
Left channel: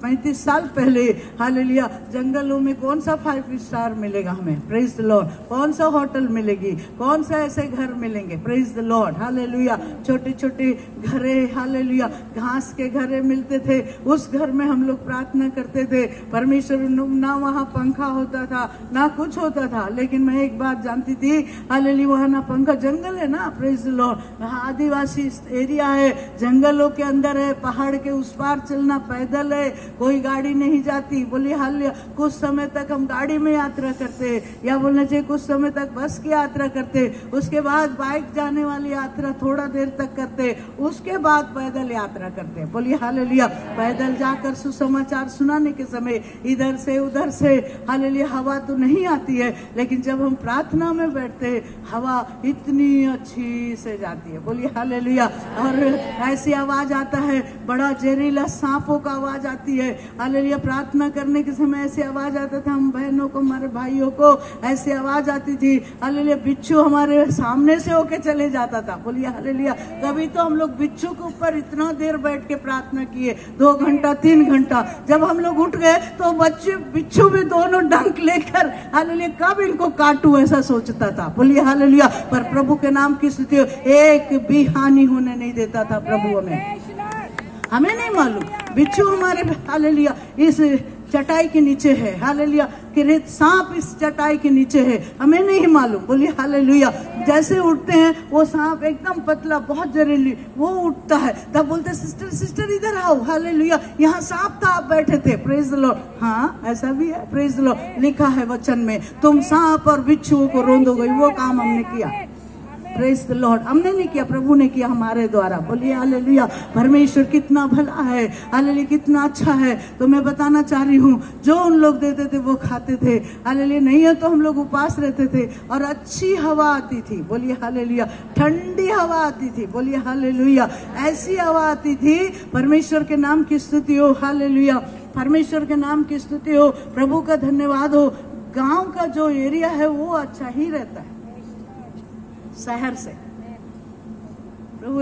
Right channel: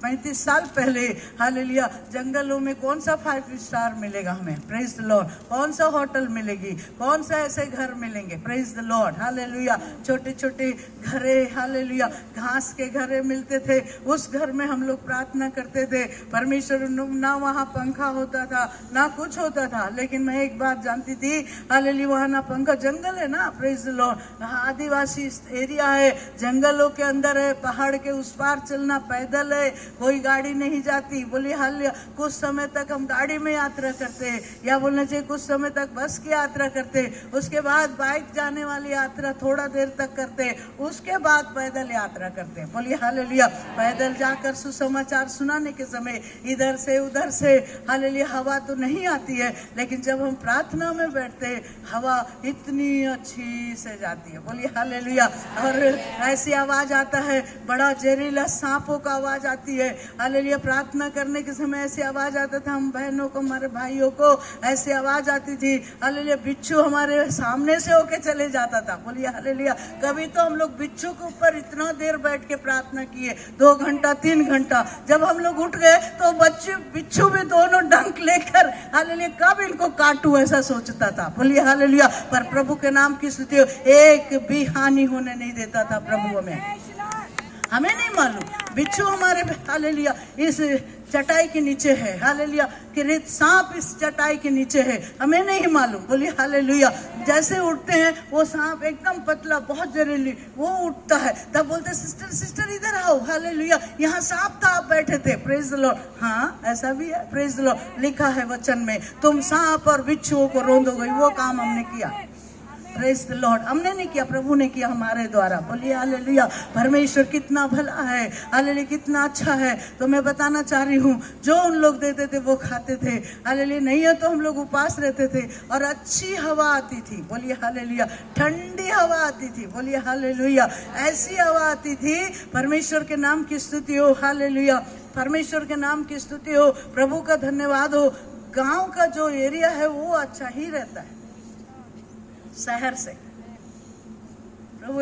35 साल पहले हालेलुया जंगलों में कौन सा 5 स्टार मिलेगा हमें। Praise the Lord. कौन सा होटल मिलेगी, कौन सा ऐसे घर मिलेंगे। Praise the lord. हालेलुया। छोटे छोटे घरे हालेलुया घास के घरे मिलते थे, उस घर में हम लोग प्रार्थना करते थे। परमेश्वर ना वहाँ पंखा होता था ना कुछ होता था, लेकिन मैं एक बात जानती थी हालेलुया वहाँ ना पंखा, जंगल है ना। Praise the Lord. यहाँ आदिवासी एरिया है, जंगलों के अंदर है, पहाड़ के उस पार चलना पैदल है, कोई गाड़ी नहीं जाती। बोलिए हालेलुया। कुछ समय तक हम गाड़ी में यात्रा करते, या बोलना चाहिए कुछ समय तक बस की यात्रा करते, उसके बाद बाइक जाने वाली यात्रा थोड़ा देर तक करते, उसके बाद पैदल यात्रा करते। बोलिए हालेलुया। पैदल जाकर सुसमाचार सुनाने के समय इधर से उधर से हालेलुया हवा तो नहीं आती है, लेकिन जब हम प्रार्थना में बैठते हवा इतनी अच्छी से जाती है। बोलिए हालेलुया। और ऐसी आवाज आता है, बड़ा जहरीला सांपों का आवाज आती है। हालेलुया। प्रार्थना करने के समय ऐसी आवाज आता था, हम बहनों को हमारे भाइयों को ऐसी आवाज आती थी। हालेलुया। बिच्छू हमारे सामने से होके चले जाता था। बोलिए हालेलुया। कभी तो हम लोग बिच्छू के ऊपर इतना देर बैठ के प्रार्थना किए, 2 घंटा 3 घंटा। जब हम लोग उठ गए तो बच्चे बिच्छू भी दोनों डंक लेकर हालेलुया कब इनको काटू ऐसा सोचता था। बोलिए हालेलुया। पर प्रभु के नाम की स्तुति, एक भी हानि होने नहीं देता था प्रभु हमें नहीं मालूम बिच्छू हमारे हालेलुया इस चटाई के नीचे है। हालेलुया। कि सांप इस चटाई के नीचे है, हमें नहीं मालूम। बोलिए हालेलुया। जैसे उठते हैं वो सांप एकदम पतला बहुत जहरीली वो उठता है, तब बोलते सिस्टर सिस्टर इधर आओ। हालेलुया। यहाँ सांप था, आप बैठे थे। Praise the Lord. हाँ ऐसा भी है। Praise the Lord. लिखा है वचन में, तुम सांप और बिच्छुओं को रोंदोगे। वो काम हमने किया। Praise the Lord. हमने नहीं किया, प्रभु ने किया हमारे द्वारा। बोलिए हालेलुया। परमेश्वर कितना भला है, हालेलुया कितना अच्छा है। तो मैं बताना चाह रही हूँ, जो उन लोग देते थे वो खाते थे। हालेलुया। नहीं है तो हम लोग उपास रहते थे, और अच्छी हवा आती थी। बोलिए हालेलुया। ठंडी हवा आती थी। बोलिए हालेलुया। ऐसी हवा आती थी। परमेश्वर के नाम की स्तुति हो। हालेलुया। परमेश्वर के नाम की स्तुति हो। प्रभु का धन्यवाद हो। गांव का जो एरिया है वो अच्छा ही रहता है शहर से। प्रभु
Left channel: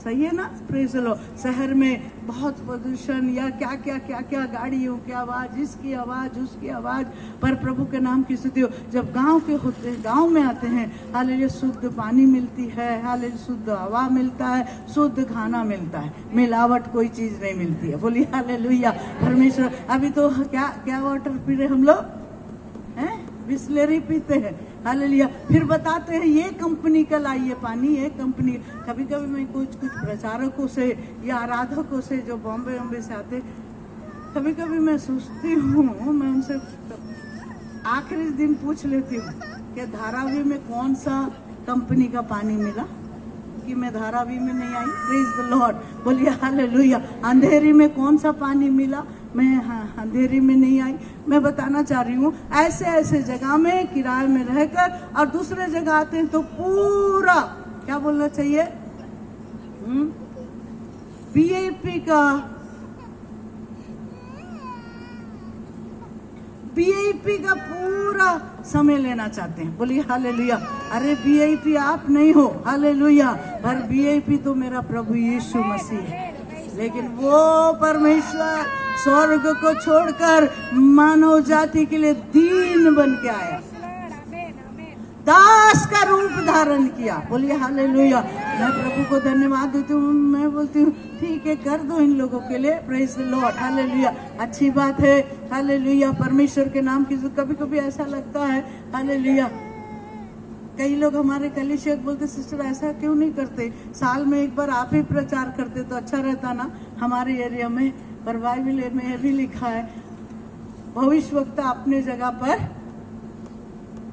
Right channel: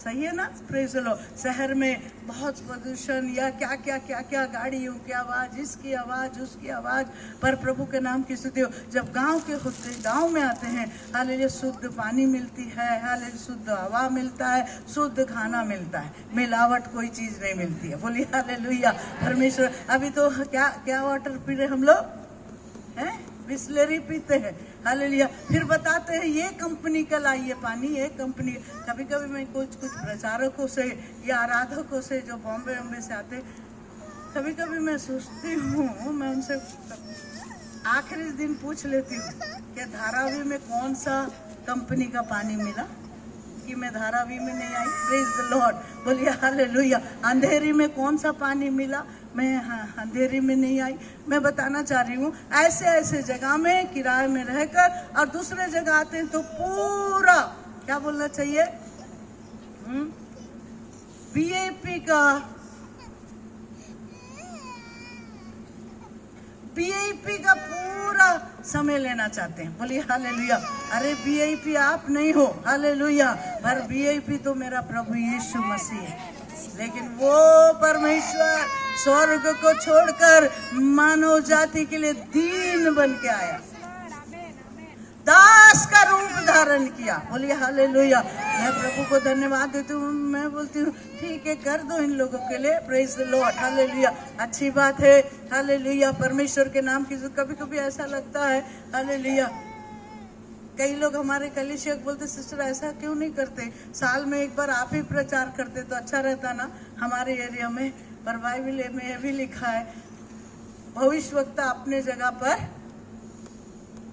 सही है ना। Praise the Lord. शहर में बहुत प्रदूषण या क्या क्या क्या क्या गाड़ियों की आवाज, इसकी आवाज उसकी आवाज। पर प्रभु के नाम की स्तुति हो। जब गांव के होते गांव में आते हैं हालेलुया शुद्ध पानी मिलती है, हालेलुया शुद्ध हवा मिलता है, शुद्ध खाना मिलता है, मिलावट कोई चीज नहीं मिलती है। बोलिए हालेलुया। परमेश्वर। अभी तो क्या वाटर पी रहे हम लोग हैं, बिस्लेरी पीते हैं। हालेलुया। फिर बताते हैं ये कंपनी का लाइए पानी, ये कंपनी। कभी कभी मैं कुछ प्रचारकों से या आराधकों से जो बॉम्बे से आते, कभी कभी मैं सोचती हूँ, मैं उनसे आखिरी दिन पूछ लेती हूँ कि धारावी में कौन सा कंपनी का पानी मिला, कि मैं धारावी में नहीं आई। Praise the lord. बोलिए हालेलुया। अंधेरी में कौन सा पानी मिला, मैं अंधेरी में नहीं आई। मैं बताना चाह रही हूँ, ऐसे ऐसे जगह में किराए में रहकर और दूसरे जगह आते हैं तो पूरा क्या बोलना चाहिए, वीआईपी का पूरा समय लेना चाहते हैं। बोलिए हालेलुया। अरे वीआईपी आप नहीं हो, हालेलुया, पर वीआईपी तो मेरा प्रभु यीशु मसीह है। लेकिन वो परमेश्वर स्वर्ग को छोड़कर मानव जाति के लिए दीन बन के आया, दास का रूप धारण किया। बोलिए हालेलुया। मैं प्रभु को धन्यवाद देती हूँ। मैं बोलती हूँ ठीक है, कर दो इन लोगों के लिए, प्रेज द लॉर्ड, हालेलुया। अच्छी बात है, हालेलुया, परमेश्वर के नाम की। कभी कभी ऐसा लगता है, हालेलुया, कई लोग हमारे कलीसिया बोलते सिस्टर ऐसा क्यों नहीं करते, साल में एक बार आप ही प्रचार करते तो अच्छा रहता ना हमारे एरिया में। पर बाइबल में यह भी लिखा है, भविष्यवक्ता अपने जगह पर,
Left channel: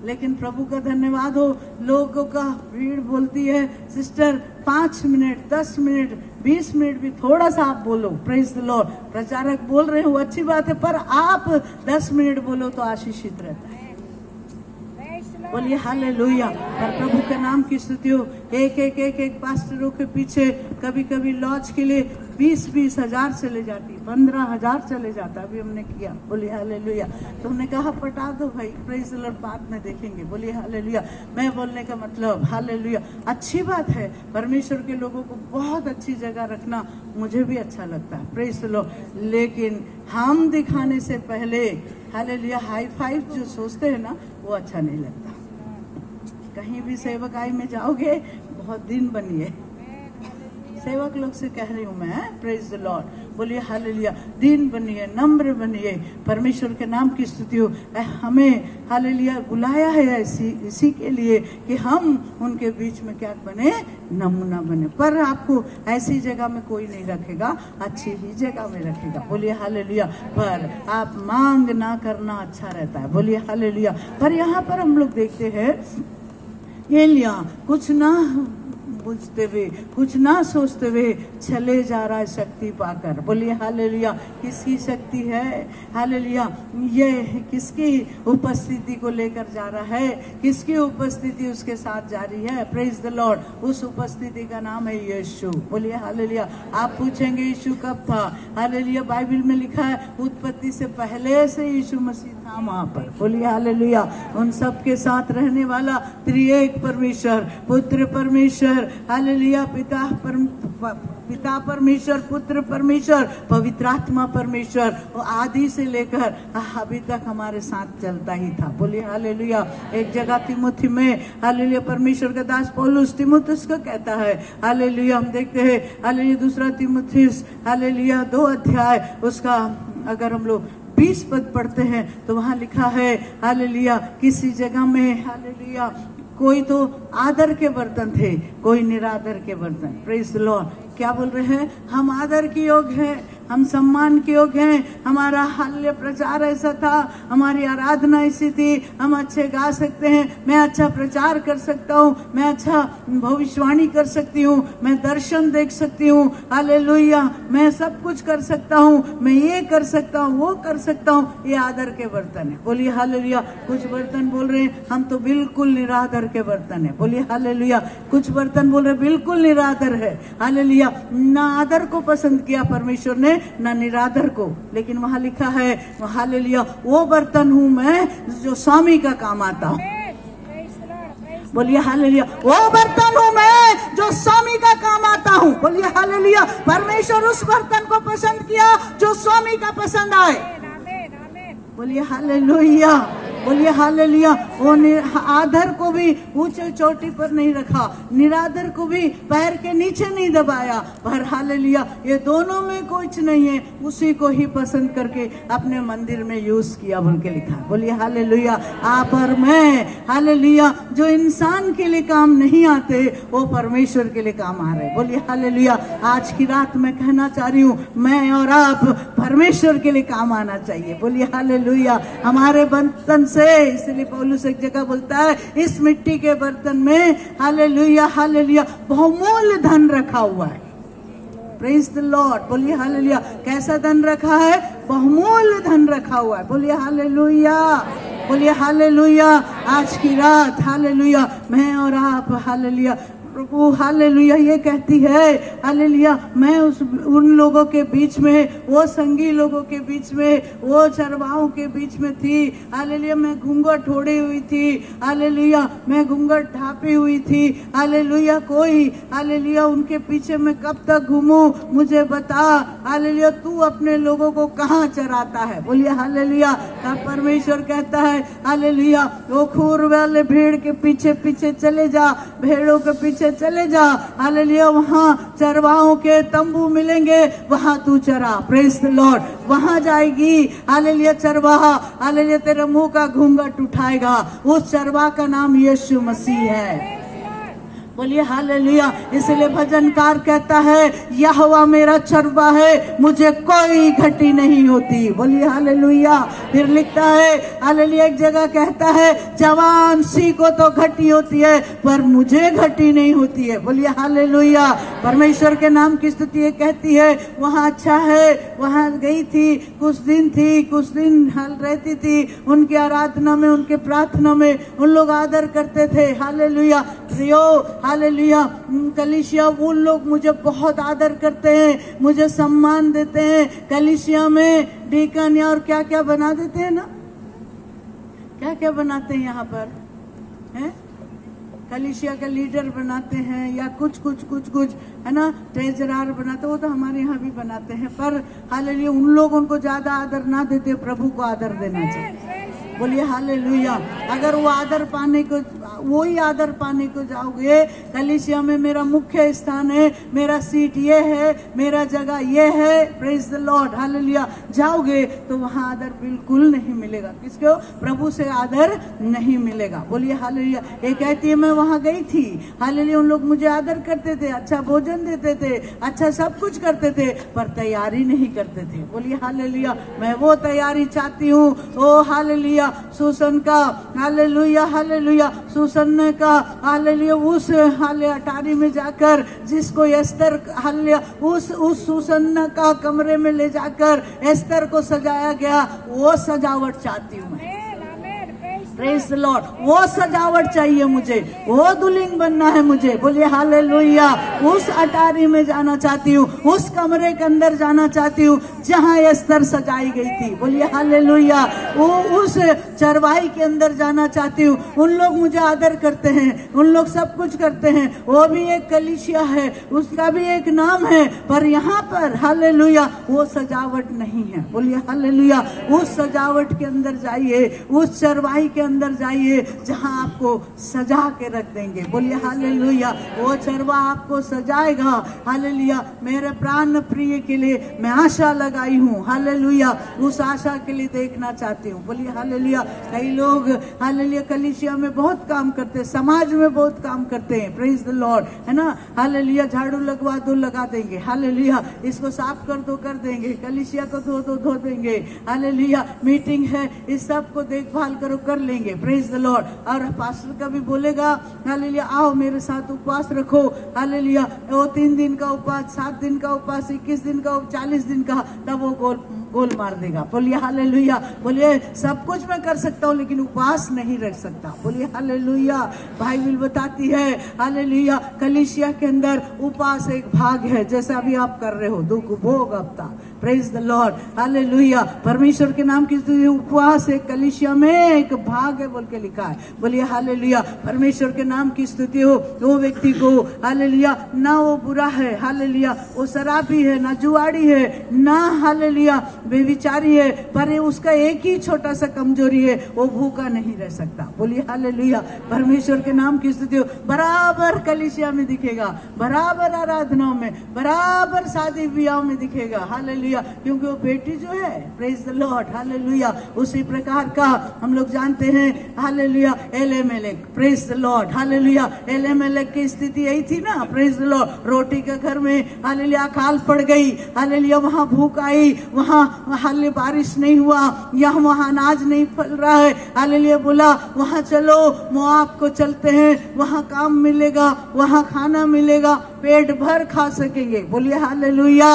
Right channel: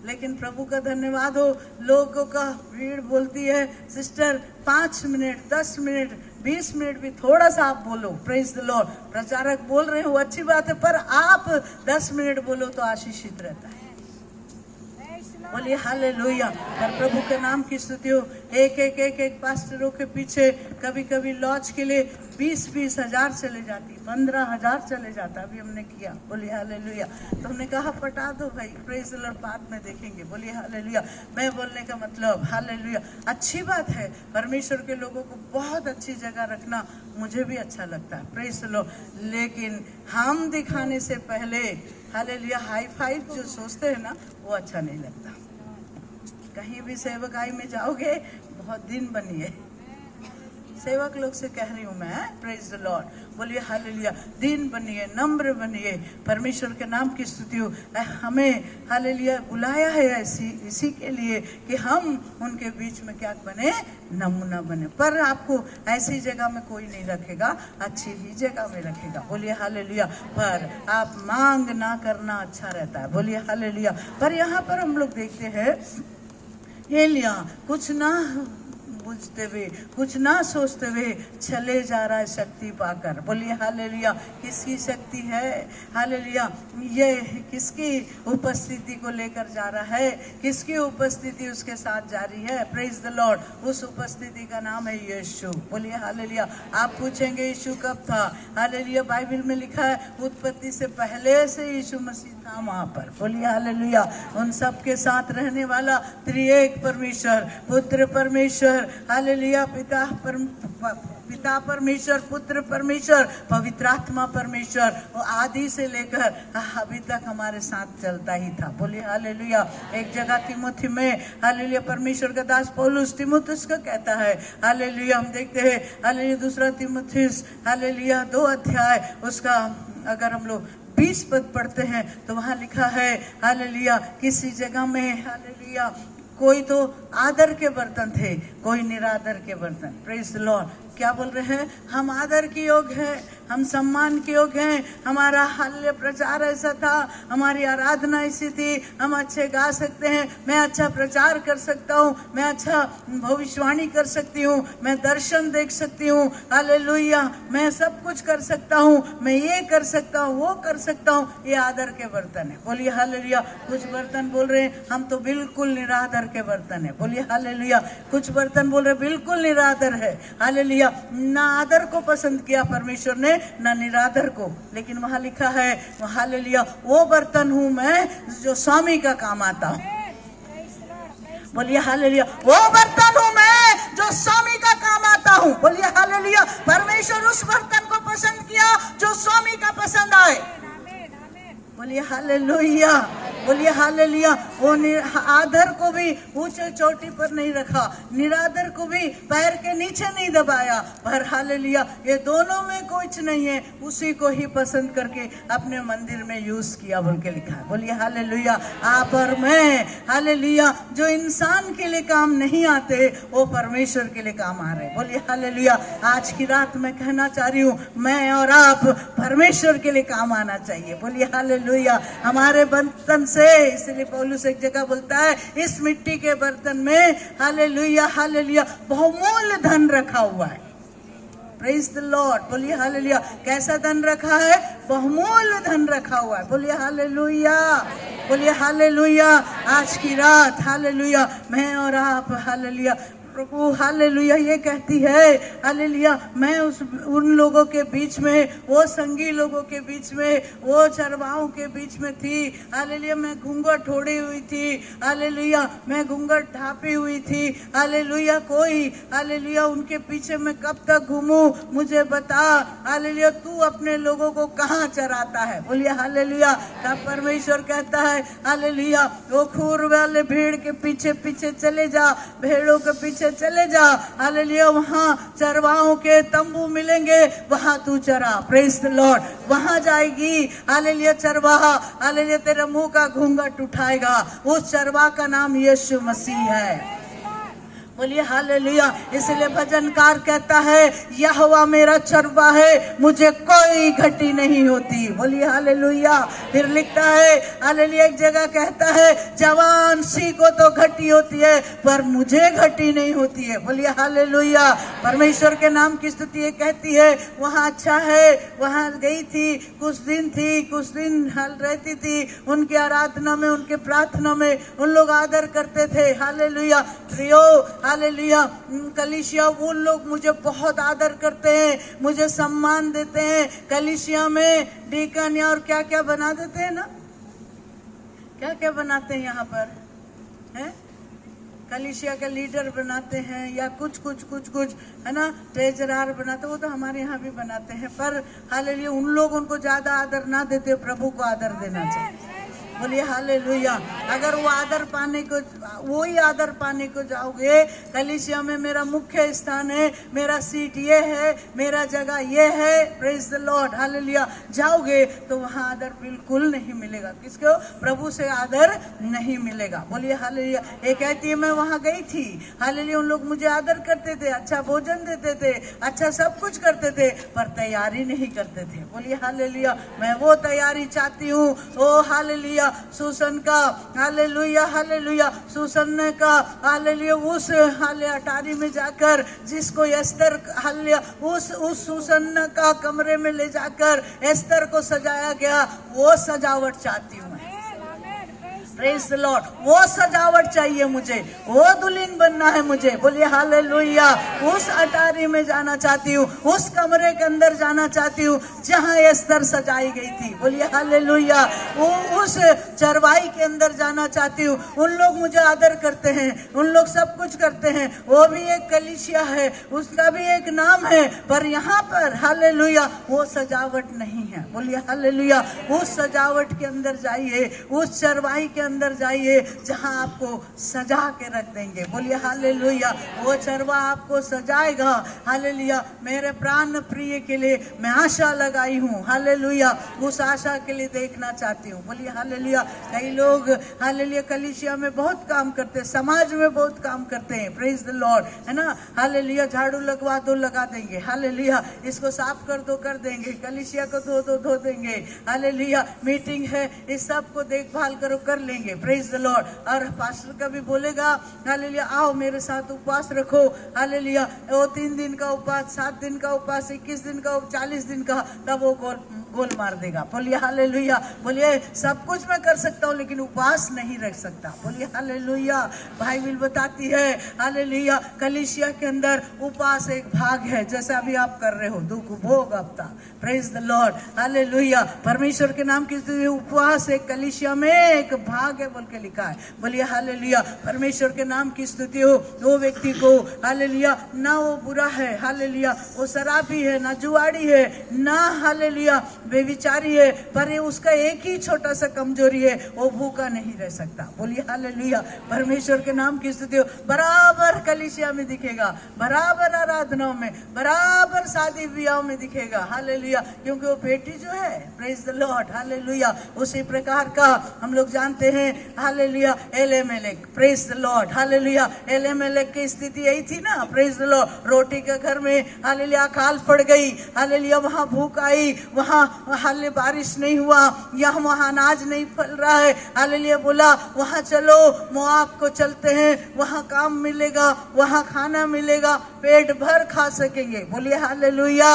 लेकिन प्रभु का धन्यवाद हो, लोगों का भीड़ बोलती है सिस्टर 5 मिनट 10 मिनट 20 मिनट भी थोड़ा सा आप बोलो, प्रेज द लॉर्ड। प्रचारक बोल रहे हो अच्छी बात है, पर आप 10 मिनट बोलो तो आशीषित रहता है। बोलिए हालेलुया। और प्रभु के नाम की स्तुति हो। एक पास्टरों के पीछे कभी कभी लॉज के लिए 20-20 हजार चले जाती, 15,000 चले जाता। अभी हमने किया, बोलिए हालेलुया। तो हमने कहा पटा दो भाई, प्रेज द लॉर्ड, बाद में देखेंगे, बोलिए हालेलुया। मैं बोलने का मतलब हालेलुया, अच्छी बात है, परमेश्वर के लोगों को बहुत अच्छी जगह रखना मुझे भी अच्छा लगता है, प्रेज द लॉर्ड। लेकिन हम दिखाने से पहले हालेलुया हाई फाइव जो सोचते हैं ना, वो अच्छा नहीं लगता। कहीं भी सेवकाई में जाओगे, बहुत दिन बनिए, सेवक लोग से कह रही हूँ मैं, प्रेज द लॉर्ड, बोलिए हालेलुया, दिन बनिए, नम्र बनिए, परमेश्वर के नाम की स्तुति हो। हमें हालेलुया बुलाया है इसी के लिए कि हम उनके बीच में क्या बने, नमूना बने। पर आपको ऐसी जगह में कोई नहीं रखेगा, अच्छी ही जगह में रखेगा, बोलिए हालेलुया। पर आप मांग ना करना अच्छा रहता है, बोलिए हालेलुया। पर यहाँ पर हम लोग देखते हैं एलिया कुछ ना पूछते हुए, कुछ ना सोचते हुए चले जा रहा है शक्ति पाकर, बोलिए हालेलुया। किसकी शक्ति है, हालेलुया, ये किसकी उपस्थिति को लेकर जा रहा है, किसकी उपस्थिति उसके साथ जारी है, प्रेज द लॉर्ड। उस उपस्थिति का नाम है यीशु, बोलिए हालेलुया। आप पूछेंगे यीशु कब था, हालेलुया, बाइबल में लिखा है उत्पत्ति से पहले से यीशु मसीह था वहां पर, बोलिए हालेलुया। उन सब के साथ रहने वाला त्रिएक परमेश्वर, पुत्र परमेश्वर, हालेलुया, पिता परमेश्वर, पुत्र परमेश्वर, पवित्र आत्मा परमेश्वर, वो आदि से लेकर अभी तक हमारे साथ चलता ही था, बोलिए हालेलुया। एक जगह तिमुथी में हालेलुया परमेश्वर का दास पौलुस तिमुथियुस को कहता है, हालेलुया, हम देखते हैं हालेलुया दूसरा तिमुथियुस हालेलुया 2 अध्याय, उसका अगर हम लोग 20 पद पढ़ते हैं तो वहाँ लिखा है हालेलुया, किसी जगह में हालेलुया कोई तो आदर के बर्तन थे, कोई निरादर के बर्तन, प्रेज द लॉर्ड। क्या बोल रहे हैं, हम आदर के योग्य हैं, हम सम्मान के योग्य हैं, हमारा हालेलुया प्रचार ऐसा था, हमारी आराधना ऐसी थी, हम अच्छे गा सकते हैं, मैं अच्छा प्रचार कर सकता हूँ, मैं अच्छा भविष्यवाणी कर सकती हूँ, मैं दर्शन देख सकती हूँ, हालेलुया, मैं सब कुछ कर सकता हूँ, मैं ये कर सकता हूँ, वो कर सकता हूँ। ये आदर के बर्तन है, बोलिए हालेलुया। कुछ बर्तन बोल रहे हैं हम तो बिल्कुल निरादर के बर्तन है, बोलिए हालेलुया। कुछ बर्तन बोल रहे बिल्कुल निरादर है, हालेलुया। ना आदर को पसंद किया परमेश्वर ने, ना निरादर को, लेकिन वहाँ लिखा है हालेलुया, वो बर्तन हूँ मैं जो स्वामी का काम आता हूँ, बोलिए हालेलुया। वो बर्तन हूँ मैं जो स्वामी का काम आता हूँ, बोलिए हालेलुया। परमेश्वर उस बर्तन को पसंद किया जो स्वामी का पसंद आए, बोलिए हालेलुया, बोलिए हालेलुया। वो आदर को भी ऊंचे चोटी पर नहीं रखा, निरादर को भी पैर के नीचे नहीं दबाया, पर हालेलुया ये दोनों में कुछ नहीं है, उसी को ही पसंद करके अपने मंदिर में यूज किया बोल के लिखा, बोलिए हालेलुया। आप और मैं हालेलुया जो इंसान के लिए काम नहीं आते वो परमेश्वर के लिए काम आ रहे, बोलिए हालेलुया। आज की रात मैं कहना चाह रही हूँ, मैं और आप परमेश्वर के लिए काम आना चाहिए, बोलिए हालेलुया। हमारे बर्तन से, इसलिए पौलुस एक जगह बोलता है इस मिट्टी के बर्तन में हालेलुया हालेलुया बहुमूल्य धन रखा हुआ है, प्रेज द लॉर्ड, बोलिए हालेलुया। कैसा धन रखा है, बहुमूल्य धन रखा हुआ है, बोलिए हालेलुया, बोलिए हालेलुया। आज की रात हालेलुया मैं और आप हालेलुया प्रभु हालेलुया ये कहती है हालेलुया, मैं उन लोगों के बीच में, वो संगी लोगों के बीच में, वो चरवाहों के बीच में थी हालेलुया। मैं घूंघट ओढ़ी हुई थी हालेलुया, मैं घूंघट ढापी हुई थी हालेलुया। कोई हालेलुया उनके पीछे मैं कब तक घूमूं, मुझे बता हालेलुया, तू अपने लोगों को कहाँ चराता है। बोलिए हालेलुया। तब परमेश्वर कहता है हालेलुया, वो खूर वाले भेड़ के पीछे पीछे चले जा, भेड़ों के पीछे चले जा हालेलुया। वहाँ चरवाहों के तंबू मिलेंगे, वहाँ तू चरा। Praise the Lord. वहाँ जाएगी हालेलुया चरवाहा हालेलुया, तेरे मुंह का घूंघट उठाएगा। उस चरवाहा का नाम यीशु मसीह है। बोलिए हालेलुया। इसलिए भजनकार कहता है, यहोवा मेरा चरवा है, मुझे कोई घटी नहीं होती। बोलिए हालेलुया। फिर लिखता है हालेलुया, एक जगह कहता है, जवान सी को तो घटी होती है पर मुझे घटी नहीं होती है। बोलिए हालेलुया। परमेश्वर के नाम की स्तुति कहती है, वहाँ अच्छा है, वहाँ गई थी, कुछ दिन हल रहती थी, उनकी आराधना में, उनके प्रार्थना में उन लोग आदर करते थे। हालेलुया। प्रियो हालेलुया, कलीसिया वो लोग मुझे बहुत आदर करते हैं, मुझे सम्मान देते हैं। कलीसिया में डीकन और क्या क्या बना देते हैं ना, क्या क्या बनाते हैं यहाँ पर है, कलीसिया का लीडर बनाते हैं या कुछ है ना, ट्रेजरार बनाते, वो तो हमारे यहाँ भी बनाते हैं। पर हालेलुया उन लोग उनको ज्यादा आदर ना देते, प्रभु को आदर देना चाहिए। बोलिए हालेलुया। अगर वो आदर पाने को, वही आदर पाने को जाओगे, कलीसिया में मेरा मुख्य स्थान है, मेरा सीट ये है, मेरा जगह ये है, प्रेज द लॉर्ड हालेलुया, जाओगे तो वहाँ आदर बिल्कुल नहीं मिलेगा। किसको? प्रभु से आदर नहीं मिलेगा। बोलिए हालेलुया। ये कहती है, मैं वहाँ गई थी हालेलुया, उन लोग मुझे आदर करते थे, अच्छा भोजन देते थे, अच्छा सब कुछ करते थे, पर तैयारी नहीं करते थे। बोलिए हालेलुया। मैं वो तैयारी चाहती हूँ। ओ हालेलुया, सुसन का हालेलुया हालेलुया, सुसन ने का हालेलुया, उस हाले अटारी में जाकर जिसको एस्तर हालेलुया, उस सुसन का कमरे में ले जाकर एस्तर को सजाया गया, वो सजावट चाहती हूँ मैं। Praise the Lord. वो सजावट चाहिए मुझे, वो दुल्हन बनना है मुझे। बोलिए हालेलुया। उस अटारी में जाना चाहती हूँ, उस कमरे के अंदर जाना चाहती हूँ जहाँ एस्तर सजाई गई थी। बोलिए हालेलुया। वो उस चरवाही के अंदर जाना चाहती हूँ। उन लोग मुझे आदर करते हैं, उन लोग सब कुछ करते हैं, वो भी एक कलीसिया है, उसका भी एक नाम है, पर यहाँ पर हालेलुया वो सजावट नहीं है। बोलिए हालेलुया। उस सजावट के अंदर जाइए, उस चरवाही के अंदर जाइए जहां आपको सजा के रख देंगे। बोलिए हालेलुया। वो चरवा आपको सजाएगा। हालेलुया। मेरे प्राण प्रिय के लिए मैं आशा लगाई हूँ हालेलुया, उस आशा के लिए देखना चाहती हूँ। बोलिए हालेलुया। कई लोग हालेलुया कलीसिया में बहुत काम करते हैं, समाज में बहुत काम करते हैं, प्रेज द लॉर्ड, है ना। हालेलुया। झाड़ू लगवा दो, लगा देंगे, हालेलुया। इसको साफ कर दो, कर देंगे, कलीसिया को धो दो, धो देंगे, हालेलुया। मीटिंग है, इस सब को देखभाल करो, कर लेंगे, प्रेज द लॉर्ड। और पास्टर कभी बोलेगा हालेलुया, आओ मेरे साथ उपवास रखो हालेलुया, वो 3 दिन का उपवास, 7 दिन का उपवास, 21 दिन का, 40 दिन का, तब वो गोल मार देगा। बोलिए हालेलुया। बोलिए सब कुछ मैं कर सकता हूँ लेकिन उपवास नहीं रख सकता। बोलिए हालेलुया। बाइबल बताती है हालेलुया, कलीसिया के अंदर उपवास एक भाग है, जैसा अभी आप कर रहे हो, दुख भोग हफ्ता, प्रेज द लॉर्ड हालेलुया। परमेश्वर के नाम की उपवास एक कलीसिया में एक भाग है बोल के लिखा है। बोलिए हालेलुया। परमेश्वर के नाम की स्तुति हो। वो व्यक्ति को हालेलुया, ना वो बुरा है हालेलुया, वो शराबी है, ना जुआड़ी है, ना हालेलुया बेविचारी है, पर ये उसका एक ही छोटा सा कमजोरी है, वो भूखा नहीं रह सकता। बोलिए हालेलुया। परमेश्वर के नाम की स्तुति हो। बराबर कलीसिया में दिखेगा, बराबर आराधनाओं में, बराबर शादी ब्याह में दिखेगा हालेलुया, क्योंकि वो बेटी जो है, प्रेज द लॉर्ड हालेलुया, उसी प्रकार का हम लोग जानते हैं hallelujah Elimelech, praise the lord hallelujah. Elimelech की स्थिति यही थी ना, प्रेज द लॉर्ड। रोटी के घर में हालेलुया अकाल पड़ गई हालेलुया, वहां भूख आई, वहां हाले बारिश नहीं हुआ, यहाँ वहां अनाज नहीं फल रहा है हालेलुया। बोला वहां चलो, मोआब को चलते हैं, वहां काम मिलेगा, वहां खाना मिलेगा, पेट भर खा सकेंगे। बोलिए हालेलुया।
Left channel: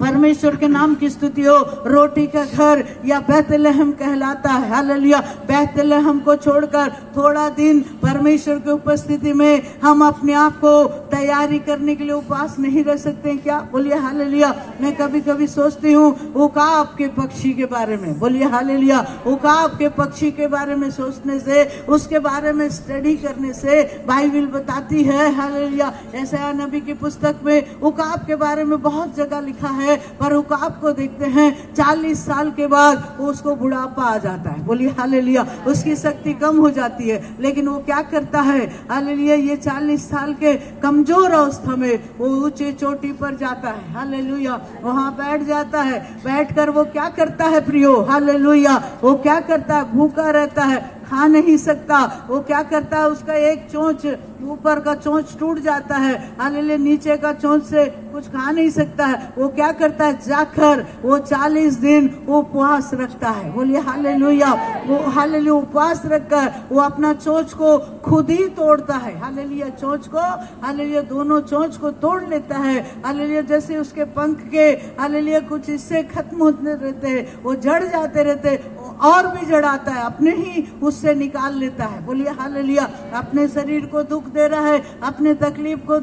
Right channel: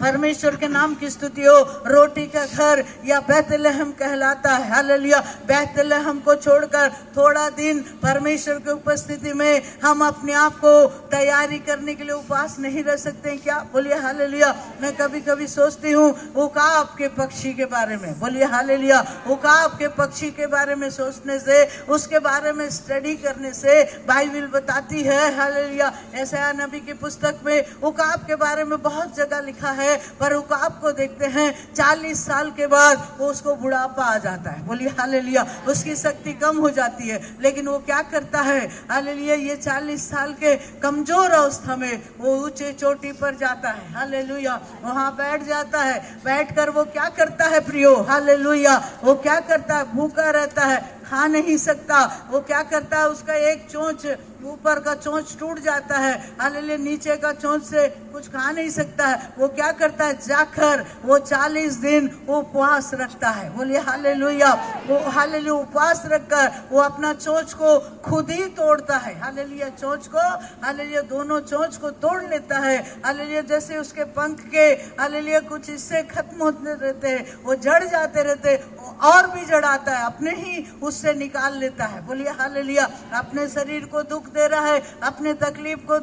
परमेश्वर के नाम की स्तुति हो। रोटी का घर या बैतलहम कहलाता है। हालेलुया। बैतलहम को छोड़कर थोड़ा दिन परमेश्वर की उपस्थिति में हम अपने आप को तैयारी करने के लिए उपवास नहीं रह सकते हैं क्या? बोलिए हालेलुया। मैं कभी कभी सोचती हूँ उकाब के पक्षी के बारे में। बोलिए हालेलुया। उकाब के पक्षी के बारे में सोचने से, उसके बारे में स्टडी करने से बाइबल बताती है हालेलुया। यशायाह नबी की पुस्तक में उकाब के बारे में बहुत जगह लिखा है, पर उकाब को देखते हैं 40 साल के बाद वो उसको बुढ़ापा आ जाता है। बोलिए हालेलुया। उसकी शक्ति कम हो जाती है, लेकिन वो क्या करता है हालेलुया, ये 40 साल के कमजोर अवस्था में वो ऊंचे चोटी पर जाता है। हालेलुया। वहां बैठ जाता है। बैठकर वो क्या करता है प्रियो? हालेलुया। वो क्या करता है? भूखा रहता है, खा नहीं सकता। वो क्या करता है? उसका एक चोंच, ऊपर का चोंच टूट जाता है। हालेलुया। नीचे का चोंच से कुछ खा नहीं सकता है। वो क्या करता है? जाकर वो 40 दिन उपवास रखता है। बोलिए हालेलुया। वो हालेलुया उपवास रखकर वो अपना चोंच को खुद ही तोड़ता है। हालेलुया। चोंच को हालेलुया, दोनों चोंच को तोड़ लेता है। हालेलुया। जैसे उसके पंख के हालेलुया कुछ हिस्से खत्म होते रहते हैं, वो जड़ जाते रहते, और भी जड़ाता है, अपने ही उससे निकाल लेता है। बोलिए हालेलुया। अपने शरीर को दुख दे रहा है, अपने तकलीफ को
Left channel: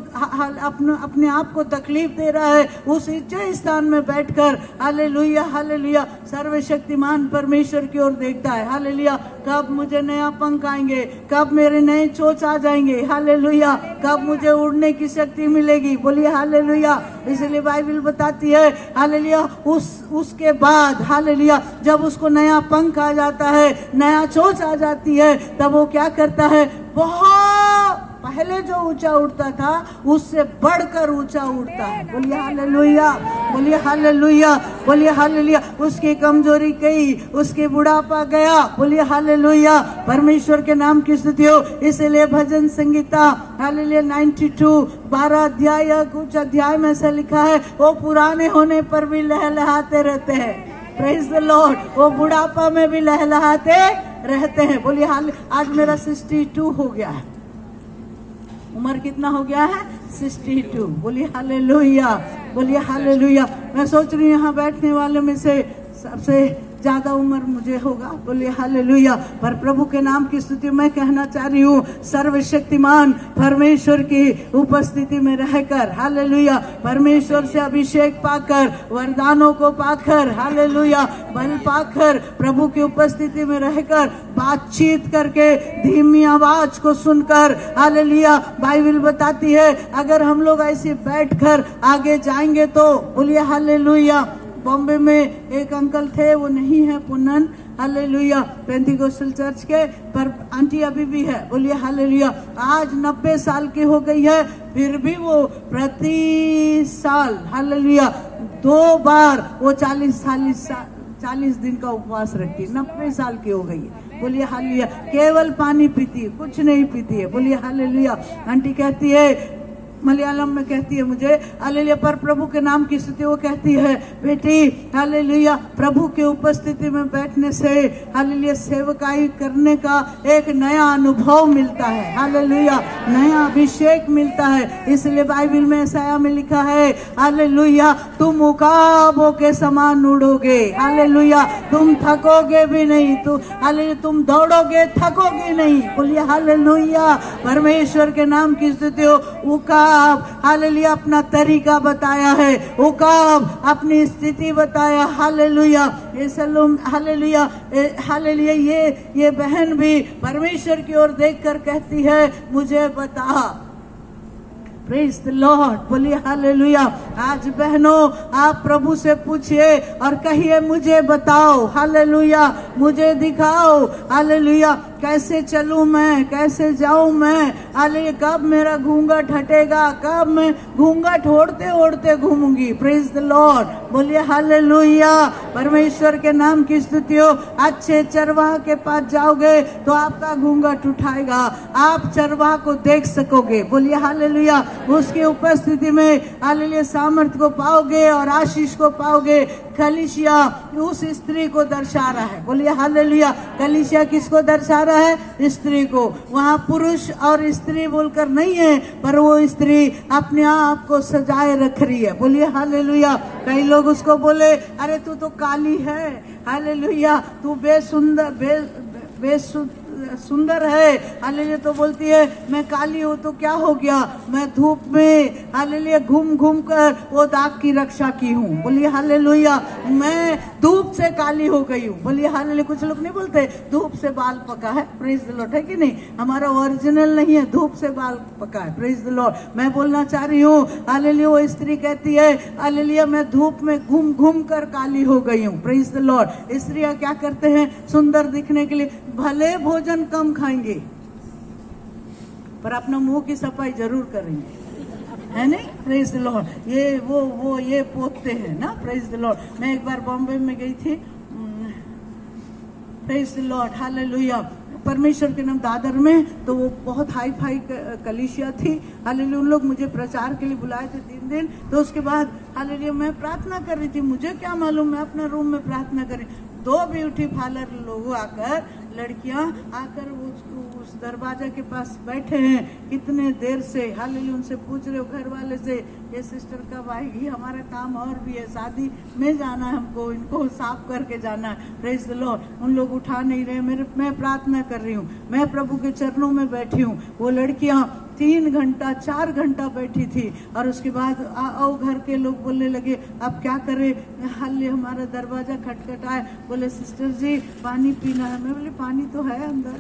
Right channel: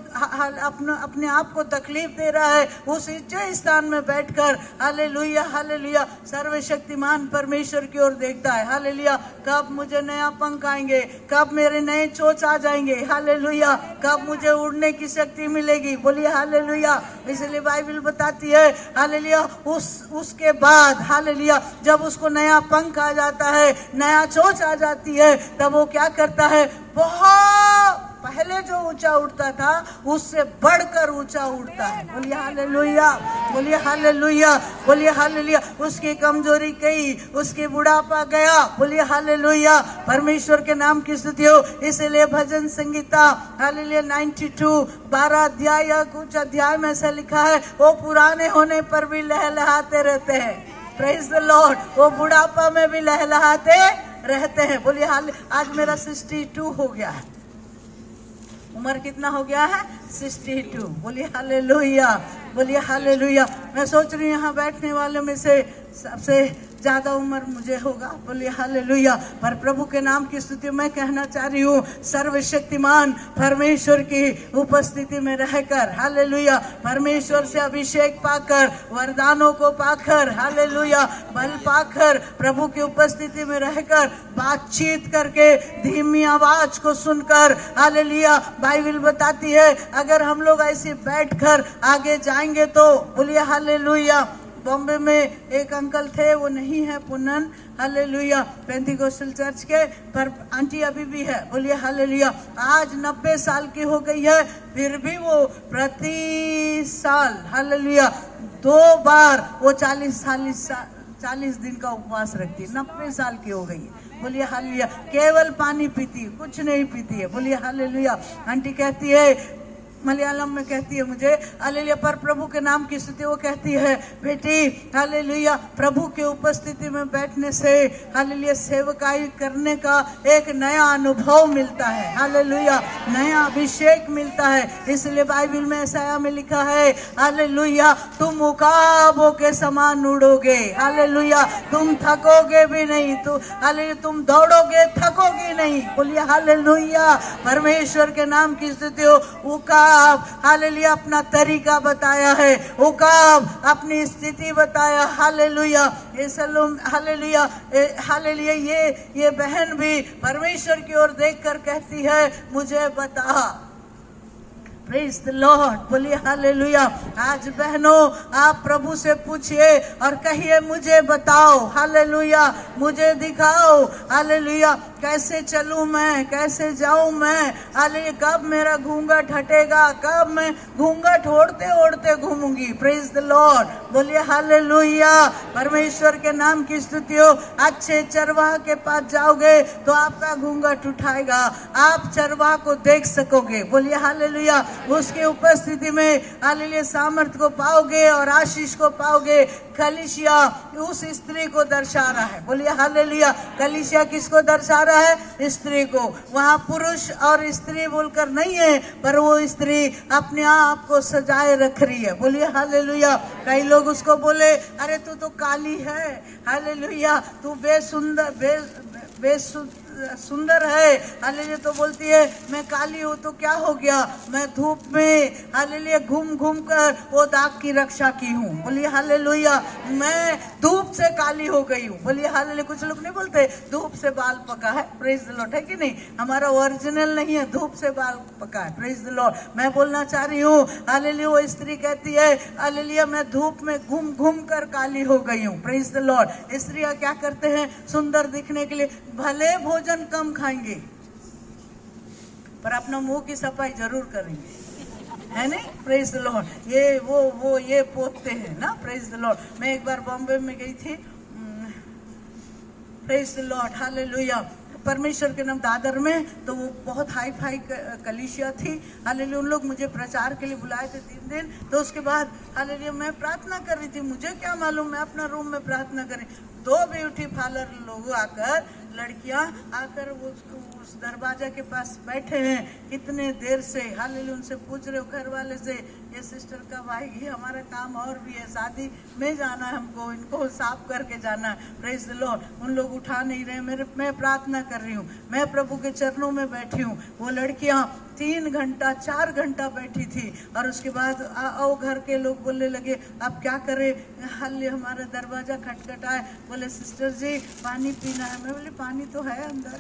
अपने आप को तकलीफ दे रहा है, उस ऊंचे स्थान में बैठकर हालेलुया हालेलुया सर्वशक्तिमान परमेश्वर की ओर देखता है। हालेलुया। कब मुझे नया पंख आएंगे, कब मेरे नए चोंच आ जाएंगे, हालेलुया, कब मुझे उड़ने की शक्ति मिलेगी। बोलिए हालेलुया। इसलिए बाइबल बताती है हालेलुया उसके बाद हालेलुया जब उसको नया पंख आ जाता है, नया चोंच आ जाती है, तब वो क्या करता है? बहुत पहले जो ऊंचा उठता था उससे बढ़कर ऊंचा उठता है। बोलिए हालेलुया। बोलिए हालेलुया। बोलिए हालेलुया। उसकी कमजोरी गई, उसकी बुढ़ापा गया। बोलिए हालेलुया। परमेश्वर के नाम की स्तुति हो। इसलिए भजन संगीता हालेलुया 92 12 अध्याय या कुछ अध्याय में ऐसा लिखा है, वो पुराने होने पर भी लहलहाते रहते हैं। Praise the Lord. वो बुढ़ापा में भी लहलहाते रहते हैं। बोलिए हालेलुया। आज मेरा 62 हो गया है। उम्र कितना हो गया है? 62। बोलिए हालेलुया। बोलिए हालेलुया। मैं सोच रही हूँ यहाँ बैठने वाले में से सबसे ज्यादा उम्र मुझे होगा। बोलिए हालेलुया। पर प्रभु के नाम की स्तुति मैं कहना चाह रही हूँ, सर्वशक्तिमान परमेश्वर की उपस्थिति में रहकर हालेलुया, परमेश्वर से अभिषेक पाकर, वरदानों को पाकर हालेलुया, बल पाकर, प्रभु की उपस्थिति में रहकर, बातचीत करके, धीमी आवाज को सुनकर हालेलुया, बाइबल बताती है अगर हम लोग ऐसे बैठकर आगे जाएंगे तो बोलिए हालेलुया। बॉम्बे में एक अंकल थे, वो नहीं है पुनन हालेलुया पेंटिकोस्टल चर्च के, पर आंटी अभी भी है। बोलिए हालेलुया। आज 90 साल की हो गई है, फिर भी वो प्रति साल हालेलुया 2 बार वो 40 दिन का उपवास रखती। 90 साल की हो गई। बोलिए हालेलुया। केवल पानी पीती है, कुछ नहीं पीती है। बोलिए हालेलुया। आंटी कहती है, मलयालम में कहती है मुझे हालेलुया, पर प्रभु के नाम की स्तुति वो कहती है, बेटी हालेलुया, प्रभु की उपस्थिति में बैठने से हालेलुया सेवकाई करने का एक नया अनुभव मिलता है। हालेलुया। नया अभिषेक मिलता है। इसलिए बाइबल में यशायाह में लिखा है हालेलुया, तुम उकाबों के समान उड़ोगे। हालेलुया। तुम थकोगे भी नहीं, तो हालेलुया तुम दौड़ोगे, थकोगे नहीं। बोलिए हालेलुया। परमेश्वर के नाम की स्तुति हो। उकाब हालेलुया अपना तरीका बताया है, उकाब अपनी स्थिति बताया। हालेलुया। Hallelujah hallelujah. ये बहन भी परमेश्वर की ओर देखकर कहती है, मुझे बता। Praise the lord. बोलिए हालेलुया। आज बहनों आप प्रभु से पूछिए और कहिए, मुझे बताओ हालेलुया, मुझे दिखाओ हालेलुया, कैसे चलूं मैं, कैसे जाऊं मैं हालेलुया, कब मेरा घूंघट हटेगा, कब मैं घूंघट ओढ़ते ओढ़ते घूमूंगी। Praise the lord. बोलिए हालेलुया। परमेश्वर के नाम की स्तुति हो। अच्छे चरवाह के पास जाओगे तो आपका घूंघट उठाएगा, आप चरवाह को देख सकोगे। बोलिए हालेलुया। उसकी उपस्थिति में हालेलुया सामर्थ को पाओगे और आशीष को पाओगे। कलीसिया उस स्त्री को दर्शा रहा है। बोलिए हालेलुया। कलीसिया किसको दर्शा रहा है स्त्री को। वहाँ पुरुष और स्त्री बोलकर नहीं है, पर वो स्त्री अपने आप को सजाए रख रही है। बोलिए हालेलुया। कई लोग उसको बोले, अरे तू तो काली है, हालेलुया, तू सुंदर है, हालेलुया। तो बोलती है मैं काली हूँ तो क्या हो गया, मैं धूप में हालेलुया घूम घूम कर वो दाग की रक्षा की हूँ। बोलिए हालेलुया। मैं धूप से काली हो गई हूँ। बोलिए हालेलुया। कुछ लोग नहीं बोलते धूप से बाल पका है, प्रेज द लॉर्ड, है कि नहीं? हमारा ओरिजिनल नहीं है, धूप से बाल पका है, प्रेज द लॉर्ड। मैं बोलना चाह रही हूँ हालेलुया, वो स्त्री कहती है हालेलुया मैं धूप में घूम घूम कर काली हो गई हूँ, प्रेज द लॉर्ड। स्त्रियां क्या करते हैं सुंदर दिखने के लिए, भले भोजन कम खाएंगे पर अपना मुंह की सफाई जरूर करेंगे, है नहीं? Praise the Lord. ये वो ये पोतते हैं ना, प्रेज द लॉर्ड। मैं एक बार बॉम्बे में गई थी, प्रेज द लॉर्ड, हालेलुया, परमेश्वर के नाम दादर में। तो वो बहुत हाई फाई कलीसिया थी, हालेलुया। उन लोग मुझे प्रचार के लिए बुलाए थे 3 दिन। तो उसके बाद हालेलुया मैं प्रार्थना कर रही थी, मुझे क्या मालूम, मैं अपना रूम में प्रार्थना कर रही। 2 ब्यूटी पार्लर लोग आकर, लड़कियां आकर उस दरवाजा के पास बैठे हैं कितने देर से, हालेलुया। उनसे पूछ रहे हो घर वाले से, ये सिस्टर कब आएगी, हमारा काम और भी है, शादी में जाना है हमको, इनको साफ करके जाना है, प्रेज द लॉर्ड। उन लोग उठा नहीं रहे, मैं प्रार्थना कर रही हूँ, मैं प्रभु के चरणों में बैठी हूँ। वो लड़कियां 3 घंटा 4 घंटा बैठी थी। और उसके बाद आओ घर के लोग बोलने लगे अब क्या करें, हालेलुया हमारा दरवाजा खटखटाए, बोले सिस्टर जी पानी पीना है। मैं बोले पानी तो है अंदर,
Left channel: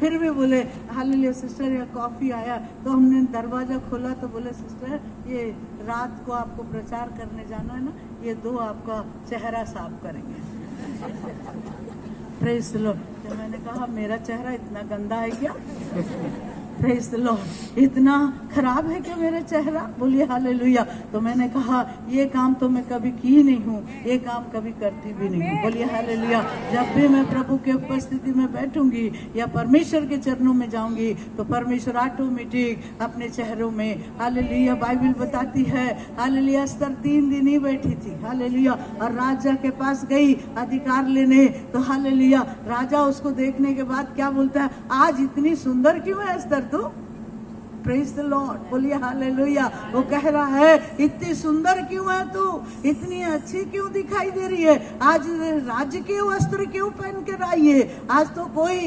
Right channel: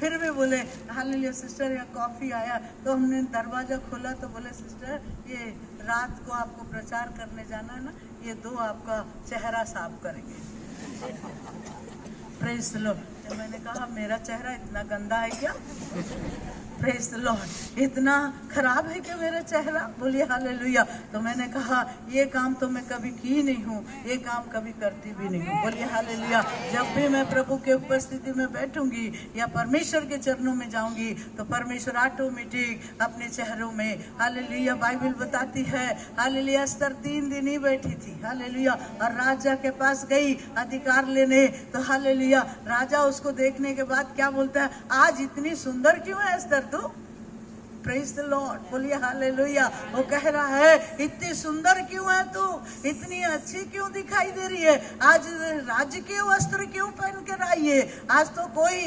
फिर भी बोले हालेलुया सिस्टर कॉफी आया। तो हमने दरवाजा खोला तो बोले सिस्टर ये रात को आपको प्रचार करने जाना है ना, ये 2 आपका चेहरा साफ करेंगे, प्रेज द लॉर्ड। तो मैंने कहा मेरा चेहरा इतना गंदा है क्या, प्रेज द लॉर्ड, इतना खराब है क्या मेरा चेहरा, बोलिए हालेलुया। तो मैंने कहा ये काम तो मैं कभी की नहीं हूँ, ये काम कभी करती भी नहीं हूँ, बोलिए हालेलुया। जब भी मैं प्रभु के उपस्थिति में बैठूंगी या परमेश्वर के चरणों में जाऊंगी तो परमेश्वर ऑटोमेटिक अपने चेहरों में, हालेलुया, बाइबल बताती है हालेलुया अस्तर 3 दिन ही बैठी थी, हालेलुया, और राजा के पास गई अधिकार लेने। तो हालेलुया राजा उसको देखने के बाद क्या बोलता है, आज इतनी सुंदर क्यों है अस्तर तू, प्रेज द लॉर्ड, बोलिए हालेलुया। वो कह रहा है इतनी सुंदर क्यों है तू, इतनी अच्छी क्यों दिखाई दे रही है, आज राजकीय वस्त्र क्यों पहन कर आई है, आज तो कोई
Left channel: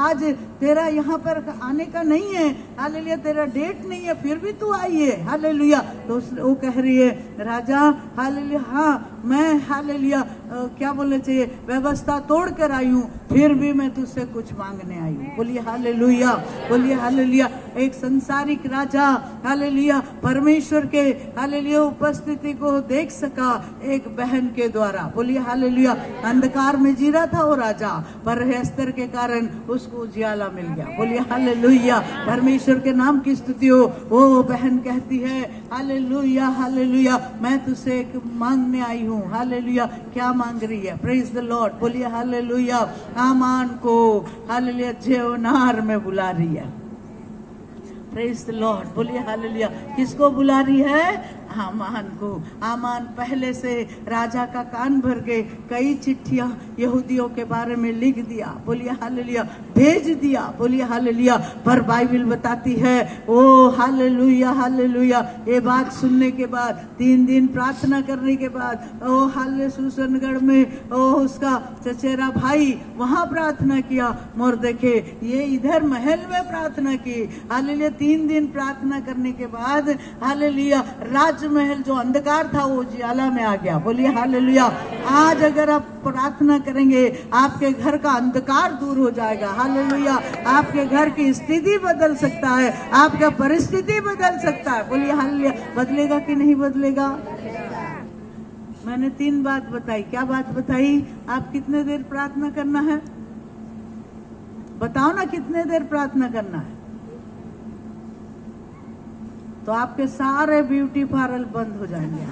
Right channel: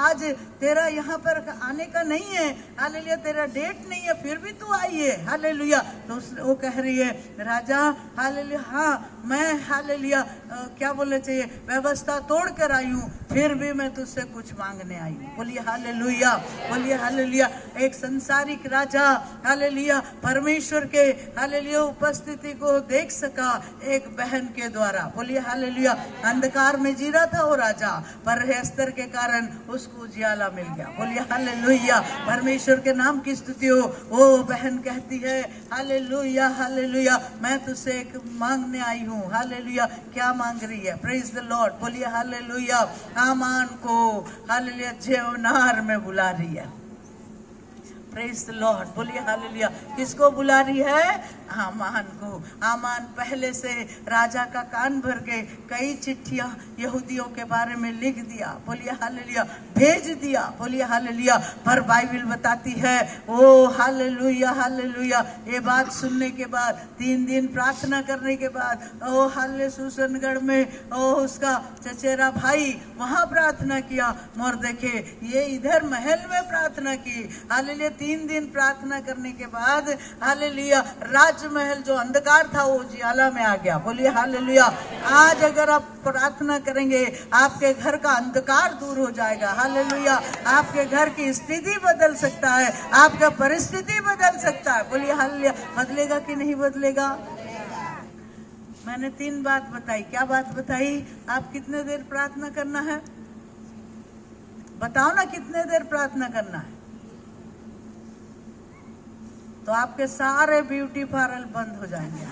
आज तेरा यहाँ पर आने का नहीं है, हालेलुया, तेरा डेट नहीं है, फिर भी तू आई है, हालेलुया। तो वो कह रही है राजा हालेलुया हाँ मैं हालेलुया क्या बोलना चाहिए, व्यवस्था तोड़ कर आई हूँ, फिर भी मैं तुझसे कुछ मांगने आई हूँ, बोलिए हालेलुया, बोलिए हालेलुया। एक संसारिक राजा हालेलुया परमेश्वर के हालेलुया उपस्थिति को देख सका एक बहन के द्वारा, बोलिए हालेलुया। अंधकार में जी रहा था वो राजा, पर अस्तर के कारण उसको उजियाला मिल गया, बोलिए हालेलुया। परमेश्वर के नाम की स्तुति हो। वो बहन कहती है हालेलुया हालेलुया मैं तुझसे एक मांगने आई हूँ, हालेलुया। क्या मांग रही है, प्रेज द लॉर्ड, बोलिए हालेलुया। आमान को हालेलुया जेवनार में बुला रही है, प्रेज द लॉर्ड, बोलिए हालेलुया। किसको बुला रही है, आमान को। आमान पहले से राजा का कान भर के कई चिट्ठियां यहूदियों के बारे में लिख दिया, बोलिए हालेलुया, भेज दिया, बोलिए हालेलुया। पर बाइबल बताती है ओ हालेलुया हालेलुया, ये बात सुनने के बाद 3 दिन प्रार्थना करने के बाद ओ हाले सुसनगढ़ में ओ उसका चचेरा भाई वहां प्रार्थना किया, मोर देखे ये इधर महल में प्रार्थना की, हालेलुया। 3 दिन प्रार्थना करने के बाद हालेलुया राजमहल जो अंधकार था वो उजियाला में आ गया, बोलिए हालेलुया। आज अगर आप प्रार्थना करेंगे आपके घर का अंधकार दूर हो जाएगा, हालेलुया। आपके घर की स्थिति बदल सकता है, आपका परिस्थिति बदल सकता है, बोलिए हालेलुया। बदलेगा कि नहीं बदलेगा? मैंने 3 बात बताई, क्या बात बताई? आप कितने देर प्रार्थना करना है, बताओ ना, कितने देर प्रार्थना करना है? तो आपके सारे ब्यूटी पार्लर बंद हो जाएंगे,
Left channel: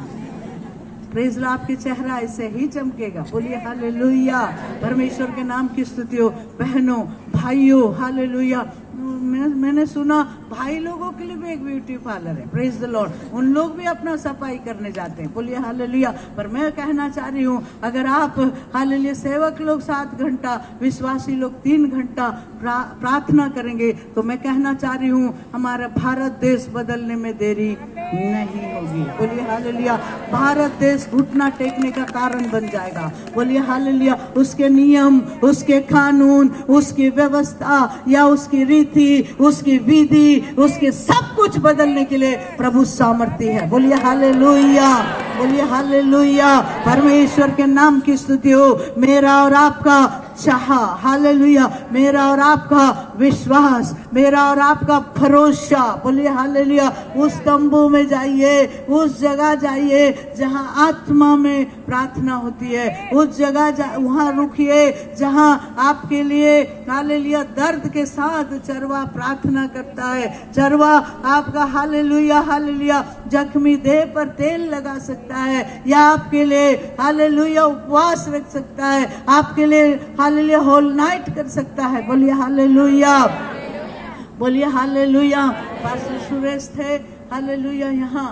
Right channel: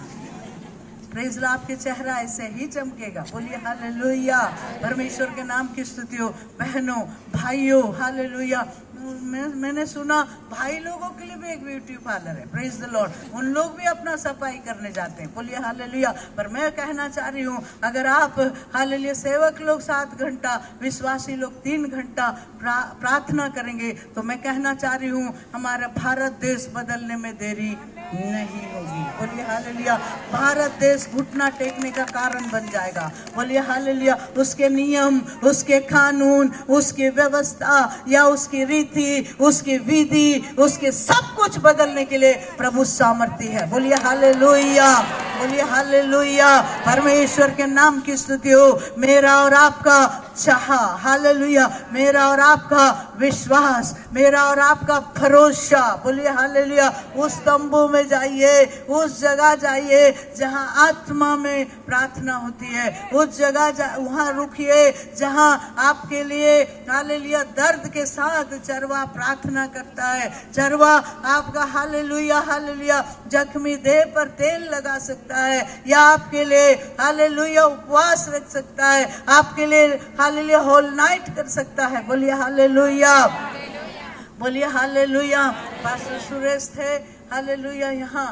प्रेज लॉर्ड, आपके चेहरा ऐसे ही चमकेगा। बोलिए हालेलुया। परमेश्वर के नाम की स्तुति हो। बहनों भाइयों हालेलुया। मैंने सुना भाई लोगों के लिए भी एक ब्यूटी पार्लर है, प्रेज द लॉर्ड, उन लोग भी अपना सफाई करने जाते हैं। बोलिए हालेलुया। पर मैं कहना चाह रही हूँ, अगर आप हालेलुया सेवक लोग 7 घंटा, विश्वासी लोग 3 घंटा प्रार्थना करेंगे, तो मैं कहना चाह रही हूँ हमारा भारत देश बदलने में देरी नहीं होगी। बोलिए हालेलुया। भारत देश घुटना टेकने का कारण बन जाएगा। बोलिए हालेलुया। उसके नियम, उसके कानून, उसकी व्यवस्था या उसकी रीति, उसकी विधि, उसके सब कुछ बदलने के लिए प्रभु सामर्थ्य है। बोलिए हालेलुया। बोलिए हालेलुया। परमेश्वर के नाम की स्तुति हो। मेरा और आपका चाह, हालेलुया, मेरा और आपका विश्वास, मेरा और आपका भरोसा, बोलिए हालेलुया, उस तंबू में जाइए, उस जगह जाइए जहां आत्मा में प्रार्थना होती है, उस जगह वहां रुकिए जहां आपके लिए हालेलुया दर्द के साथ चरवा प्रार्थना करता है। चरवा आपका हालेलुया हालेलुया जख्मी देह पर तेल लगा सकता है, या आपके लिए हालेलुया उपवास रख सकता है, आपके लिए हालेलुया होल नाइट कर सकता है। बोलिए हालेलुया। बोलिए हालेलुया। पास्टर सुरेश थे हालेलुया, यहाँ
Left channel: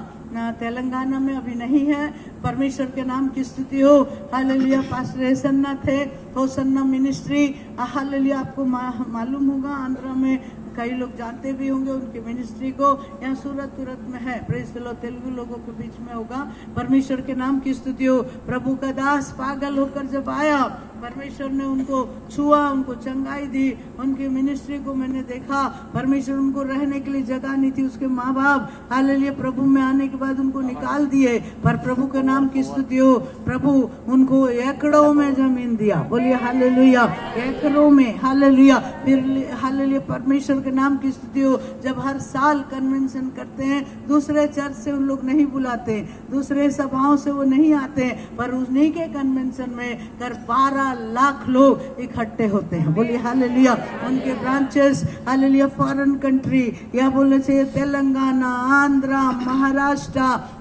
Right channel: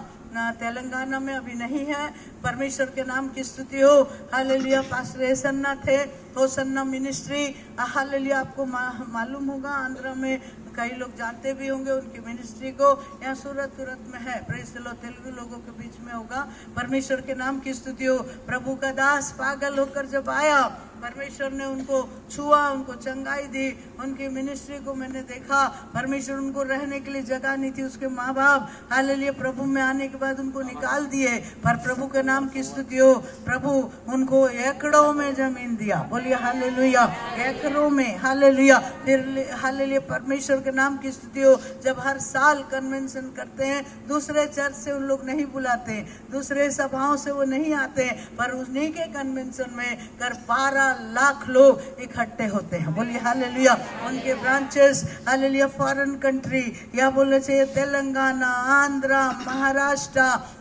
तेलंगाना में अभी नहीं है। परमेश्वर के नाम की स्तुति हो। हालेलुया। पास्टर एसन्ना थे, होसन्ना मिनिस्ट्री, हालेलुया, आपको मालूम होगा, आंध्रा में कई लोग जानते भी होंगे उनकी मिनिस्ट्री को। यहाँ सूरत में है, प्रेज द लॉर्ड, तेलुगु लोगों के बीच में होगा। परमेश्वर के नाम की स्तुति हो। प्रभु का दास पागल होकर जब आया, परमेश्वर ने उनको छुआ, उनको चंगाई दी, उनकी मिनिस्ट्री को मैंने देखा। परमेश्वर उनको रहने के लिए जगह नहीं थी, उसके माँ बाप हालेलुया प्रभु में आने के बाद उनको निकाल दिए, पर प्रभु के नाम की स्तुति हो। प्रभु उनको एकड़ों में जमीन दिया। बोलिए हालेलुया। एकड़ों में हालेलुया। फिर हालेलुया परमेश्वर के नाम की स्तुति हो। जब हर साल कन्वेंशन करते हैं, दूसरे चर्च से उन लोग नहीं बुलाते, दूसरे सभाओं से वो नहीं आते, पर उन्हीं के कन्वेंशन में कर 12 लाख लोग इकट्ठे होते हैं। बोलिए हालेलुया। उनके ब्रांचेस हालेलुया फॉरेन कंट्री, या बोलने चाहिए तेलंगाना, आंध्रा, महाराष्ट्र,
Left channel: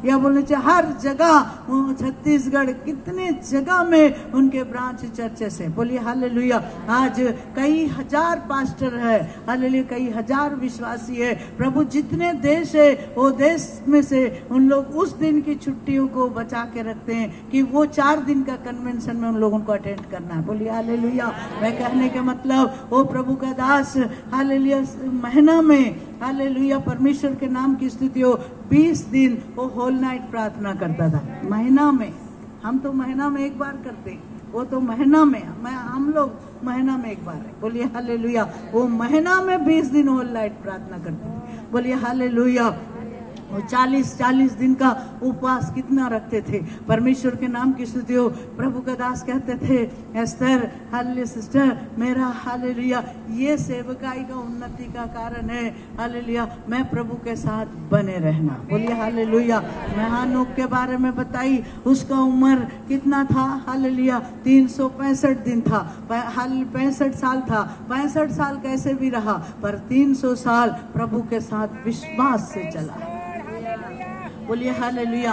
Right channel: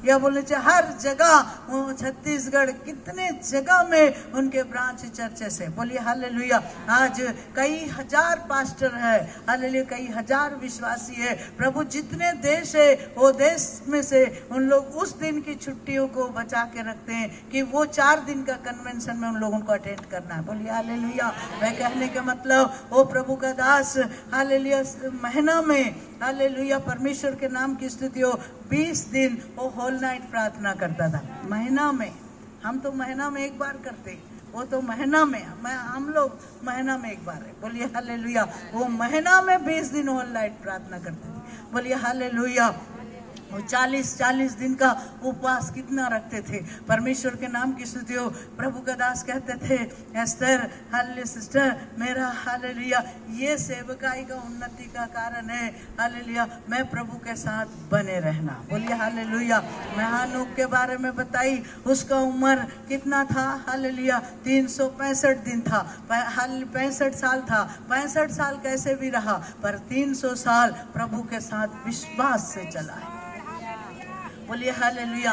या बोलने चाहिए हर जगह, छत्तीसगढ़, कितने जगह में उनके ब्रांच चर्चेस है। बोलिए हालेलुया। आज कई हजार पास्टर है हालेलुया, कई हजार विश्वासी है। प्रभु जितने देश है, वो देश में से उन लोग उस दिन की छुट्टियों को बचा के रखते हैं कि वो 4 दिन का कन्वेंशन में उन लोगों को अटेंड करना है। बोलिए हालेलुया। मैं कहने का मतलब, वो प्रभु का दास हालेलुया महीना में हालेलुया परमेश्वर के नाम की स्तुति हो, 20 दिन वो होल नाइट प्रार्थना करता था महीना में। हम तो महीना में एक बार करते हैं, वो तो महीना में, हम लोग महीना में एक बार है। बोलिए हालेलुया। वो महीना में 20 दिन होल नाइट प्रार्थना करते हैं। बोलिए हालेलुया। 40 दिन का उपवास कितना रखते थे। परमेश्वर के नाम की स्तुति हो। प्रभु का दास कहते थे, एस्टर हालेलुया सिस्टर, मेरा हालेलुया ये सेवकाई का उन्नति का कारण है हालेलुया मैं प्रभु के साथ बने रहना। बोलिए हालेलुया। मैं हानोक के बारे में बताई, उसका उम्र कितना था हालेलुया 365 दिन था, 65 साल था। 65 साल कैसे भी रहा, पर 300 साल प्रभु के साथ विश्वास से चला है। बोलिए हालेलुया।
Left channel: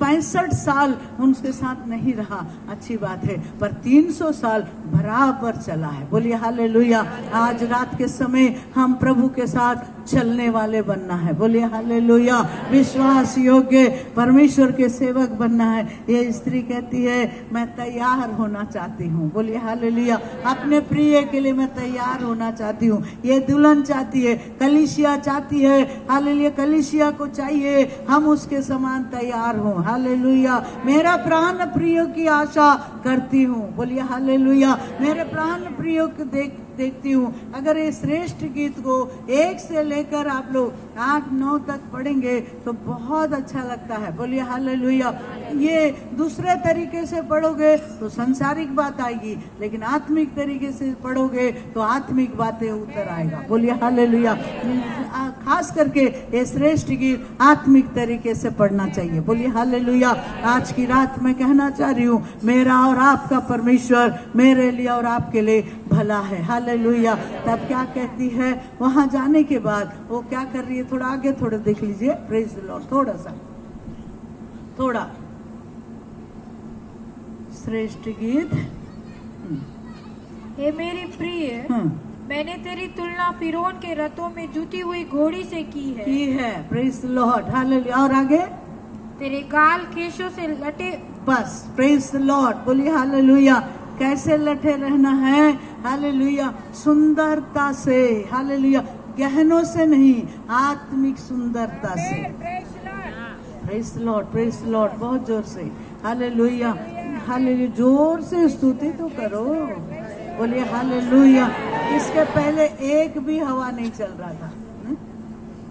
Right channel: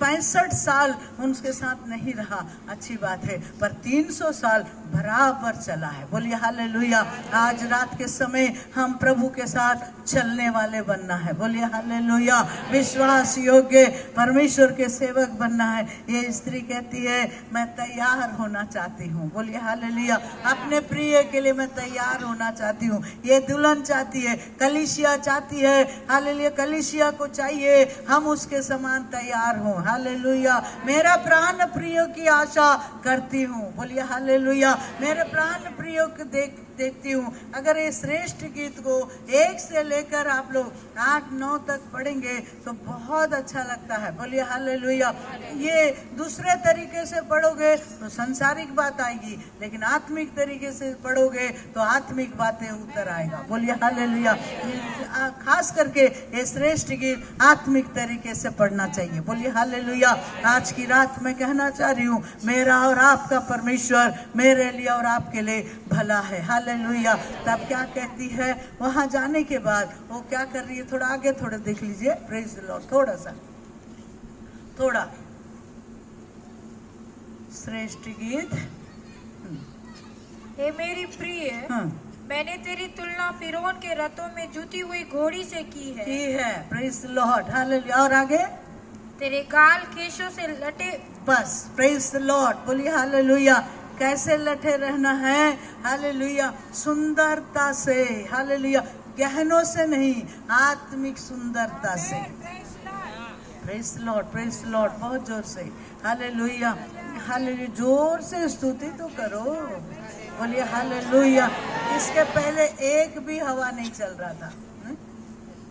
65 साल उनके साथ नहीं रहा, अच्छी बात है, पर 300 साल बराबर चला है। बोलिए हालेलुया। आज रात के समय हम प्रभु के साथ चलने वाले बनना है। बोलिए हालेलुया। विश्वास योग्य परमेश्वर के सेवक बनना है। ये स्त्री कहती है, मैं तैयार होना चाहती हूँ। बोलिए हालेलुया। अपने प्रिय के लिए मैं तैयार होना चाहती हूँ। ये दुल्हन चाहती है, कलीसिया चाहती है हालेलुया, कलीसिया को चाहिए हम उसके समान तैयार हों। हालेलुया। मेरा प्राण प्रियो की आशा करती हूँ। बोलिए हालेलुया। मेरे प्राण प्रियो को देखती हूँ। अगर ये श्रेष्ठ गीत को 1 से लेकर आप लोग 8-9 तक पढ़ेंगे तो बहुत अच्छा लगता है। बोलिए हालेलुया। ये दूसरे तरीके से पढ़ोगे तो सांसारिक बात आएगी, लेकिन आत्मिक तरीके से पढ़ोगे तो आत्मिक बातें उतर आएगा। बोलिए हालेलुया। खास करके ये श्रेष्ठ गीत आत्मिक तरीके से पढ़ना चाहिए। बोलिए हालेलुया। आज की रात मैं कहना चाह रही हूँ, मेरा और आपका परमेश्वर मेरे लिए और आपके लिए भला है। हालेलुया। तब क्या कहती है, वहां जाने के बाद वो क्या कर रही है, थोड़ा आगे थोड़ा देख लीजिए, प्रेज द लॉर्ड, थोड़ा श्रेष्ठ गीत। हे मेरे प्रिय, हाँ, मैंने तेरी तुलना फिरौन के रथों में जुती हुई घोड़ी से की है। Praise the lord, hallelujah. और आगे तेरे गाल केशों से लटे। बस, प्रेज द लॉर्ड, बोलिए हालेलुया। कैसे लटे रहना है? हालेलुया, सुंदरता से, हालेलुया, गहनों से नहीं, आत्मिक सुंदरता से। Praise the Lord, praise the Lord, बहुत जोर से हालेलुया, हालेलुया, जोर से स्तुति तो करो, बोलिए हालेलुया। इसके पहले एक भी हवा नहीं चल रहा था।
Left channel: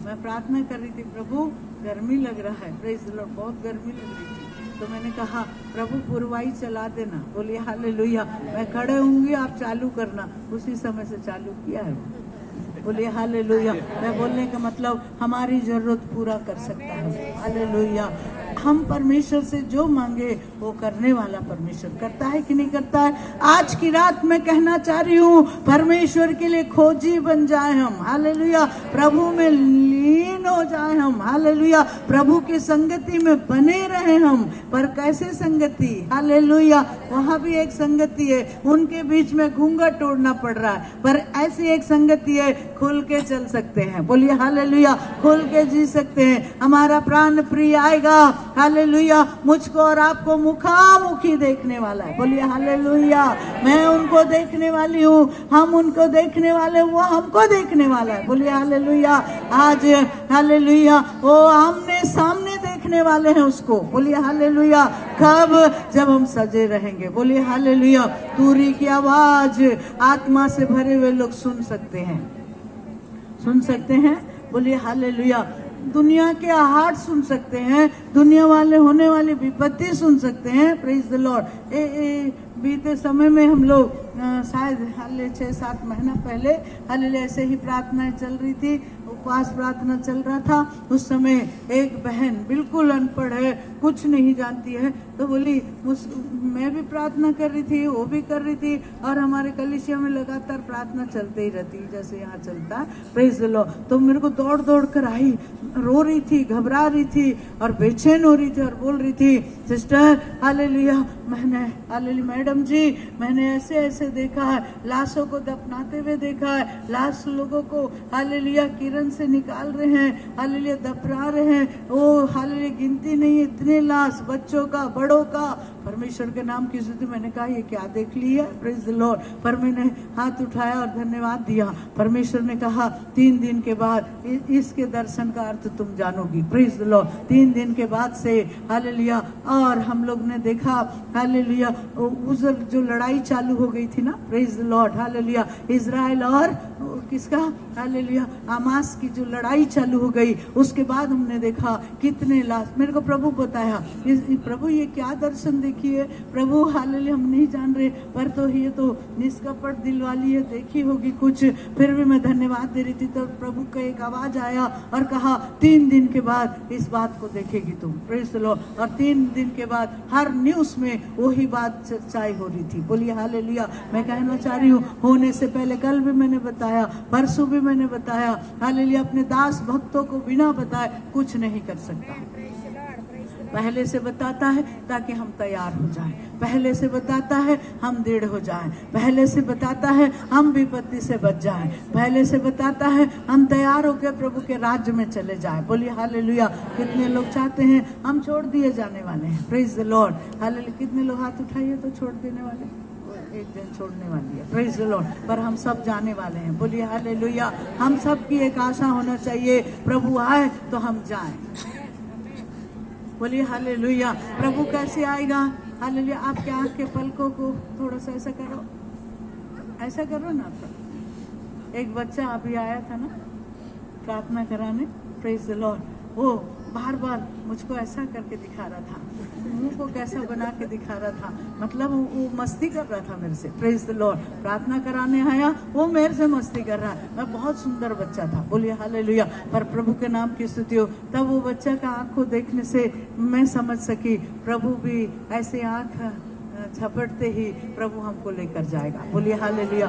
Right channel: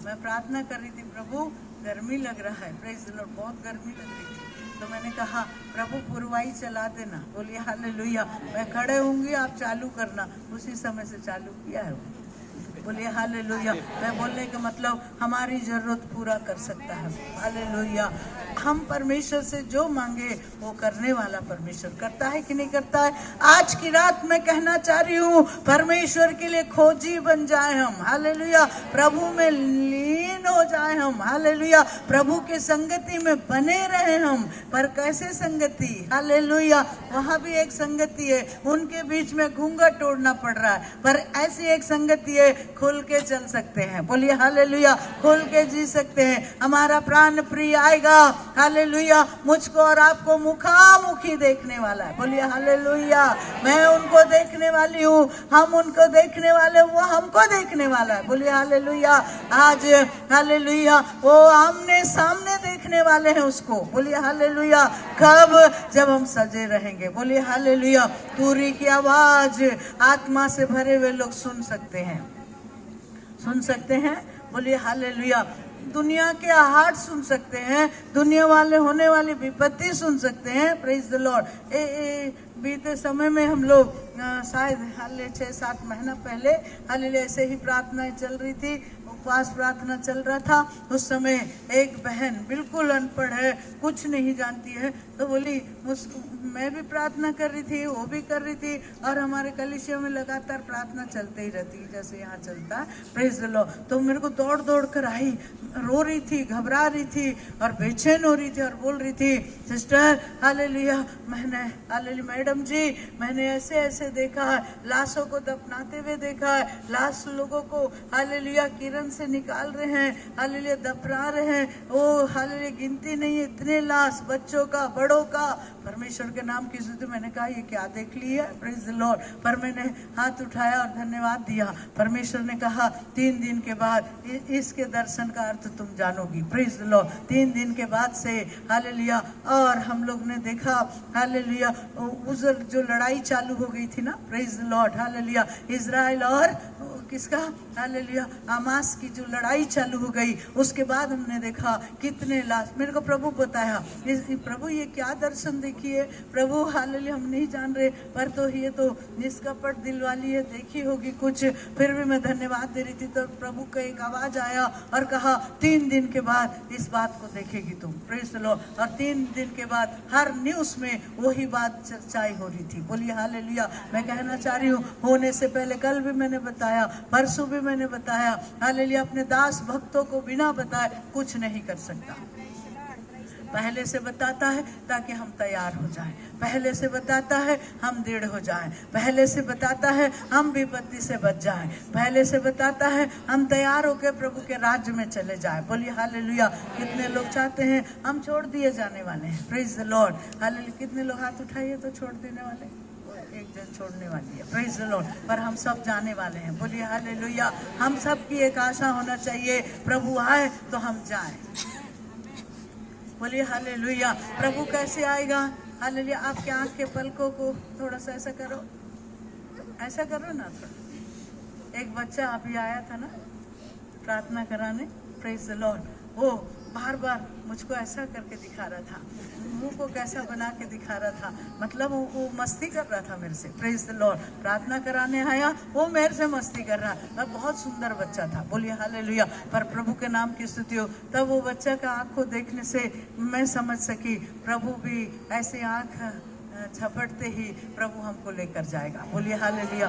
मैं प्रार्थना कर रही थी, प्रभु गर्मी लग रहा है, प्रेज द लॉर्ड, बहुत गर्मी लग रही थी। तो मैंने कहा प्रभु पुरवाई चला देना, बोलिए हालेलुया। मैं खड़े होंगी, आप चालू करना। उसी समय से चालू किया है, बोलिए हालेलुया। मैं बोलने का मतलब हमारी जरूरत पूरा कर सकता है, हालेलुया। हम परमेश्वर से जो मांगे वो करने वाला परमेश्वर करता है कि नहीं करता है? आज की रात में कहना चाह रही हूँ, परमेश्वर के लिए खोजी बन जाए हम, हालेलुया। प्रभु में लीन हो जाए हम, हालेलुया। प्रभु की संगति में बने रहे हम। पर कैसे संगति? हालेलुया। वहाँ भी एक संगति है, उनके बीच में घूंघट तोड़ना पड़ रहा है, पर ऐसी एक संगति है, खुल के चल सकते हैं, बोलिए हालेलुया। खुल के जी सकते हैं। हमारा प्राण प्रिय आएगा, हालेलुया, मुझको और आपको मुखामुखी देखने वाला है, बोलिए हालेलुया। मैं उनको देखने वाली हूँ, हम उनको देखने वाले, वो हमको देखने वाला है, बोलिए हालेलुया। आज हालेलुया, वो आमने सामने देखने वाले हैं उसको, बोलिए हालेलुया। कब? जब हम सजे रहेंगे, बोलिए हालेलुया। तुरी की आवाज आत्मा से भरे हुए लोग सुन सकते हैं, सुन सकते हैं, बोलिए हालेलुया। दुनिया के आहट सुन सकते हैं, दुनिया वाले होने वाली विपत्ति सुन सकते हैं, प्रेज द लॉर्ड। बीते समय में हम लोग शायद 6-7 महीना पहले हालेलुया ऐसे ही प्रार्थनाएं चल रही थी, उपवास प्रार्थना चल रहा था। उस समय एक बहन बिल्कुल अनपढ़ है, कुछ नहीं जानती है, तो बोली मैं भी प्रार्थना कर रही थी, वो भी कर रही थी, और हमारे कलीसिया में लगातार प्रार्थना चलते ही रहती है जैसे यहाँ चलता, प्रेज द लॉर्ड। तो मेरे को दौड़ दौड़ कर आई, रो रही थी, घबरा रही थी और बेचैन हो रही थी, और बोल रही थी, सिस्टर हालेलुया, मैंने हालेलुया मैडम जी, मैंने ऐसे ऐसे देखा है, लाशों को दफनाते हुए देखा है, लाश लोगों को हालेलुया किरण से निकाल रहे हैं, हालेलुया दफना रहे हैं, वो हालेलुया गिनती नहीं है, इतने लाश, बच्चों का, बड़ों का, परमेश्वर के नाम की स्तुति। मैंने कहा ये क्या देख ली है, प्रेज द लॉर्ड। पर मैंने हाथ उठाया और धन्यवाद दिया। परमेश्वर ने कहा 3 दिन के बाद इसके दर्शन का अर्थ तुम जानोगी, प्रेज द लॉर्ड। 3 दिन के बाद से हालेलुया, और हम लोग ने देखा हालेलुया, उस जो लड़ाई चालू हो गई थी ना, praise the lord, hallelujah, Israel और किसका, हालेलुया, हमास की जो लड़ाई चालू हो गई, उसके बाद हमने देखा कितने लाश। मेरे को प्रभु बताया, प्रभु ये क्या दर्शन देखिए, प्रभु हालेलुया हम नहीं जान रहे, पर तो ये तो निष्कपट दिल वाली है, देखी होगी कुछ। फिर भी मैं धन्यवाद दे रही थी, तो प्रभु का एक आवाज आया और कहा 3 दिन के बाद इस बात को देखेगी तुम, प्रेज द लॉर्ड। और 3 दिन के बाद हर न्यूज में वही बात चर्चाई हो रही थी, बोलिए हालेलुया। मैं कहना चाह रही हूँ, होने से पहले कल भी मैंने बताया, परसों भी मैंने बताया, हालेलुया अपने दास भक्तों को बिना बताए कुछ नहीं कर सकता। पहले से बताता है ताकि हम तैयार हो जाएं, पहले से बताता है हम दृढ़ हो जाएं, पहले से बताता है हम विपत्ति से बच जाएं, पहले से बताता है हम तैयार होकर प्रभु के राज्य में चले जाएं, बोलिए हालेलुया। कितने लोग चाहते हैं हम छोड़ दिए जाने वाले हैं, प्रेज द लॉर्ड, हालेलुया। कितने लोग हाथ उठाइए तो छोड़ देने वाले, एक जन छोड़ने वाली है, प्रेज द लॉर्ड। पर हम सब जाने वाले हैं, बोलिए हालेलुया। हम सब की एक आशा होना चाहिए, प्रभु आए तो हम जाएं, बोलिए हालेलुया। प्रभु कैसे आएगा, हालेलुया। आपके आंख के पलकों को थोड़ा सा ऐसा करो, ऐसा करो ना। तो एक बच्चा अभी आया था ना प्रार्थना कराने, प्रेज द लॉर्ड, वो बार बार मुझको ऐसा करके दिखा रहा था, मुंह को कैसा बना के दिखा रहा था, मतलब वो मस्ती कर रहा था मेरे से, प्रेज द लॉर्ड। प्रार्थना कराने आया, वो मेरे से मस्ती कर रहा है, और बहुत सुंदर बच्चा था, बोलिए हालेलुया। पर प्रभु के नाम की स्तुति हो। तब वो बच्चा का आंख को देखने से मैं समझ सकी प्रभु भी ऐसे आंख झपटते ही प्रभु हमको लेकर जाएगा। बोलिए हालेलुया।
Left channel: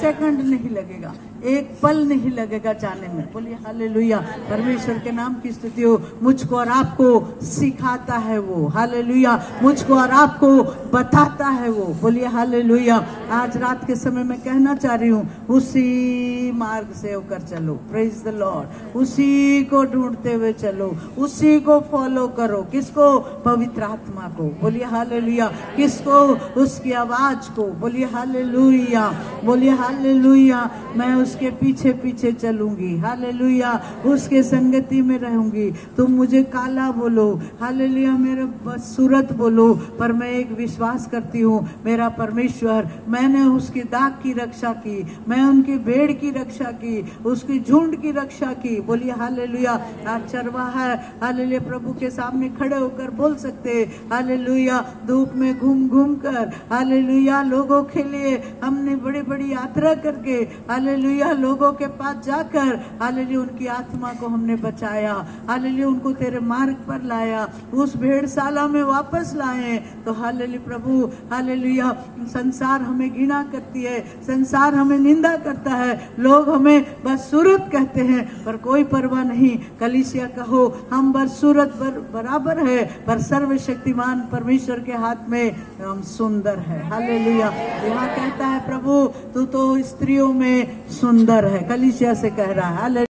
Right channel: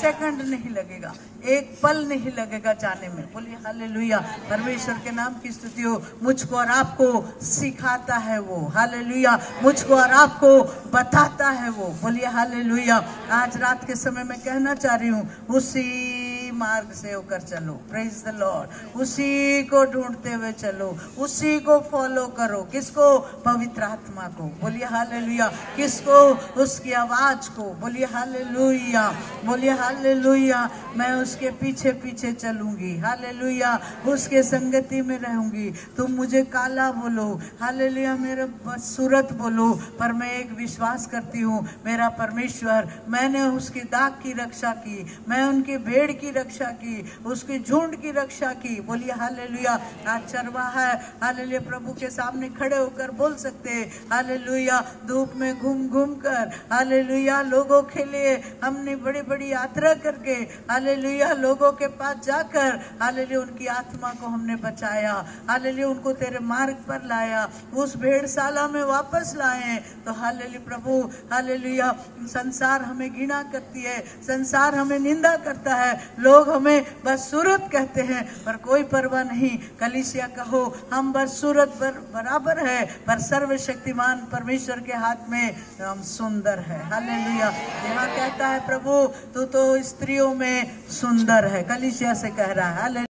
सेकंड नहीं लगेगा, एक पल नहीं लगेगा जाने में। बोलिए हालेलुया। परमेश्वर के नाम की स्तुति हो। मुझको और आपको सिखाता है वो, हालेलुया। मुझको और आपको बताता है वो। बोलिए हालेलुया। आज रात के समय में कहना चाह रही हूँ, उसी मार्ग से होकर चलो। Praise the Lord. उसी को ढूंढते हुए चलो, उसी को फॉलो करो। किसको? पवित्र आत्मा को। बोलिए हालेलुया। किसको? उसकी आवाज को। बोलिए हालेलुया। बोलिए हालेलुया। मैं उसके पीछे पीछे चलूंगी, हालेलुया। उसके संगति में रहूंगी। तुम मुझे काला बोलो, हालेलुया, मेरा सूरत बोलो, पर मैं एक विश्वास करती हूँ, मेरा परमेश्वर, मैंने उसकी दाग की रक्षा की, मैं उनकी भेड़ की रक्षा की, उसकी झुंड की रक्षा की। बोलिए हालेलुया। आज चरवाहा है, हालेलुया, प्रभु के सामने खड़े होकर बोल सकते, हालेलुया। धूप में घूम घूम कर, हालेलुया, लोगों के लिए हमने बड़ी बड़ी यात्रा करके, हालेलुया, लोगों के पास जाकर, हालेलुया, उनकी आत्मा को हमने बचाया, हालेलुया, उनको तेरे मार्ग पर लाया, उस भेड़शाला में वापस लाए। तो हालेलुया प्रभु, हालेलुया, संसार हमें घृणा करती है, संसार हमें निंदा करता है, लोग हमें बदसूरत कहते हैं, पर कोई परवाह नहीं। कलीसिया कहो, हम बदसूरत बराबर है, पर सर्वशक्तिमान परमेश्वर के हाथ में हम सुंदर है। हालेलुया। यहाँ कहता है प्रभु, तू तो स्त्रियों में सुंदर है, कलीसिया से कह रहा है। हालेलुया।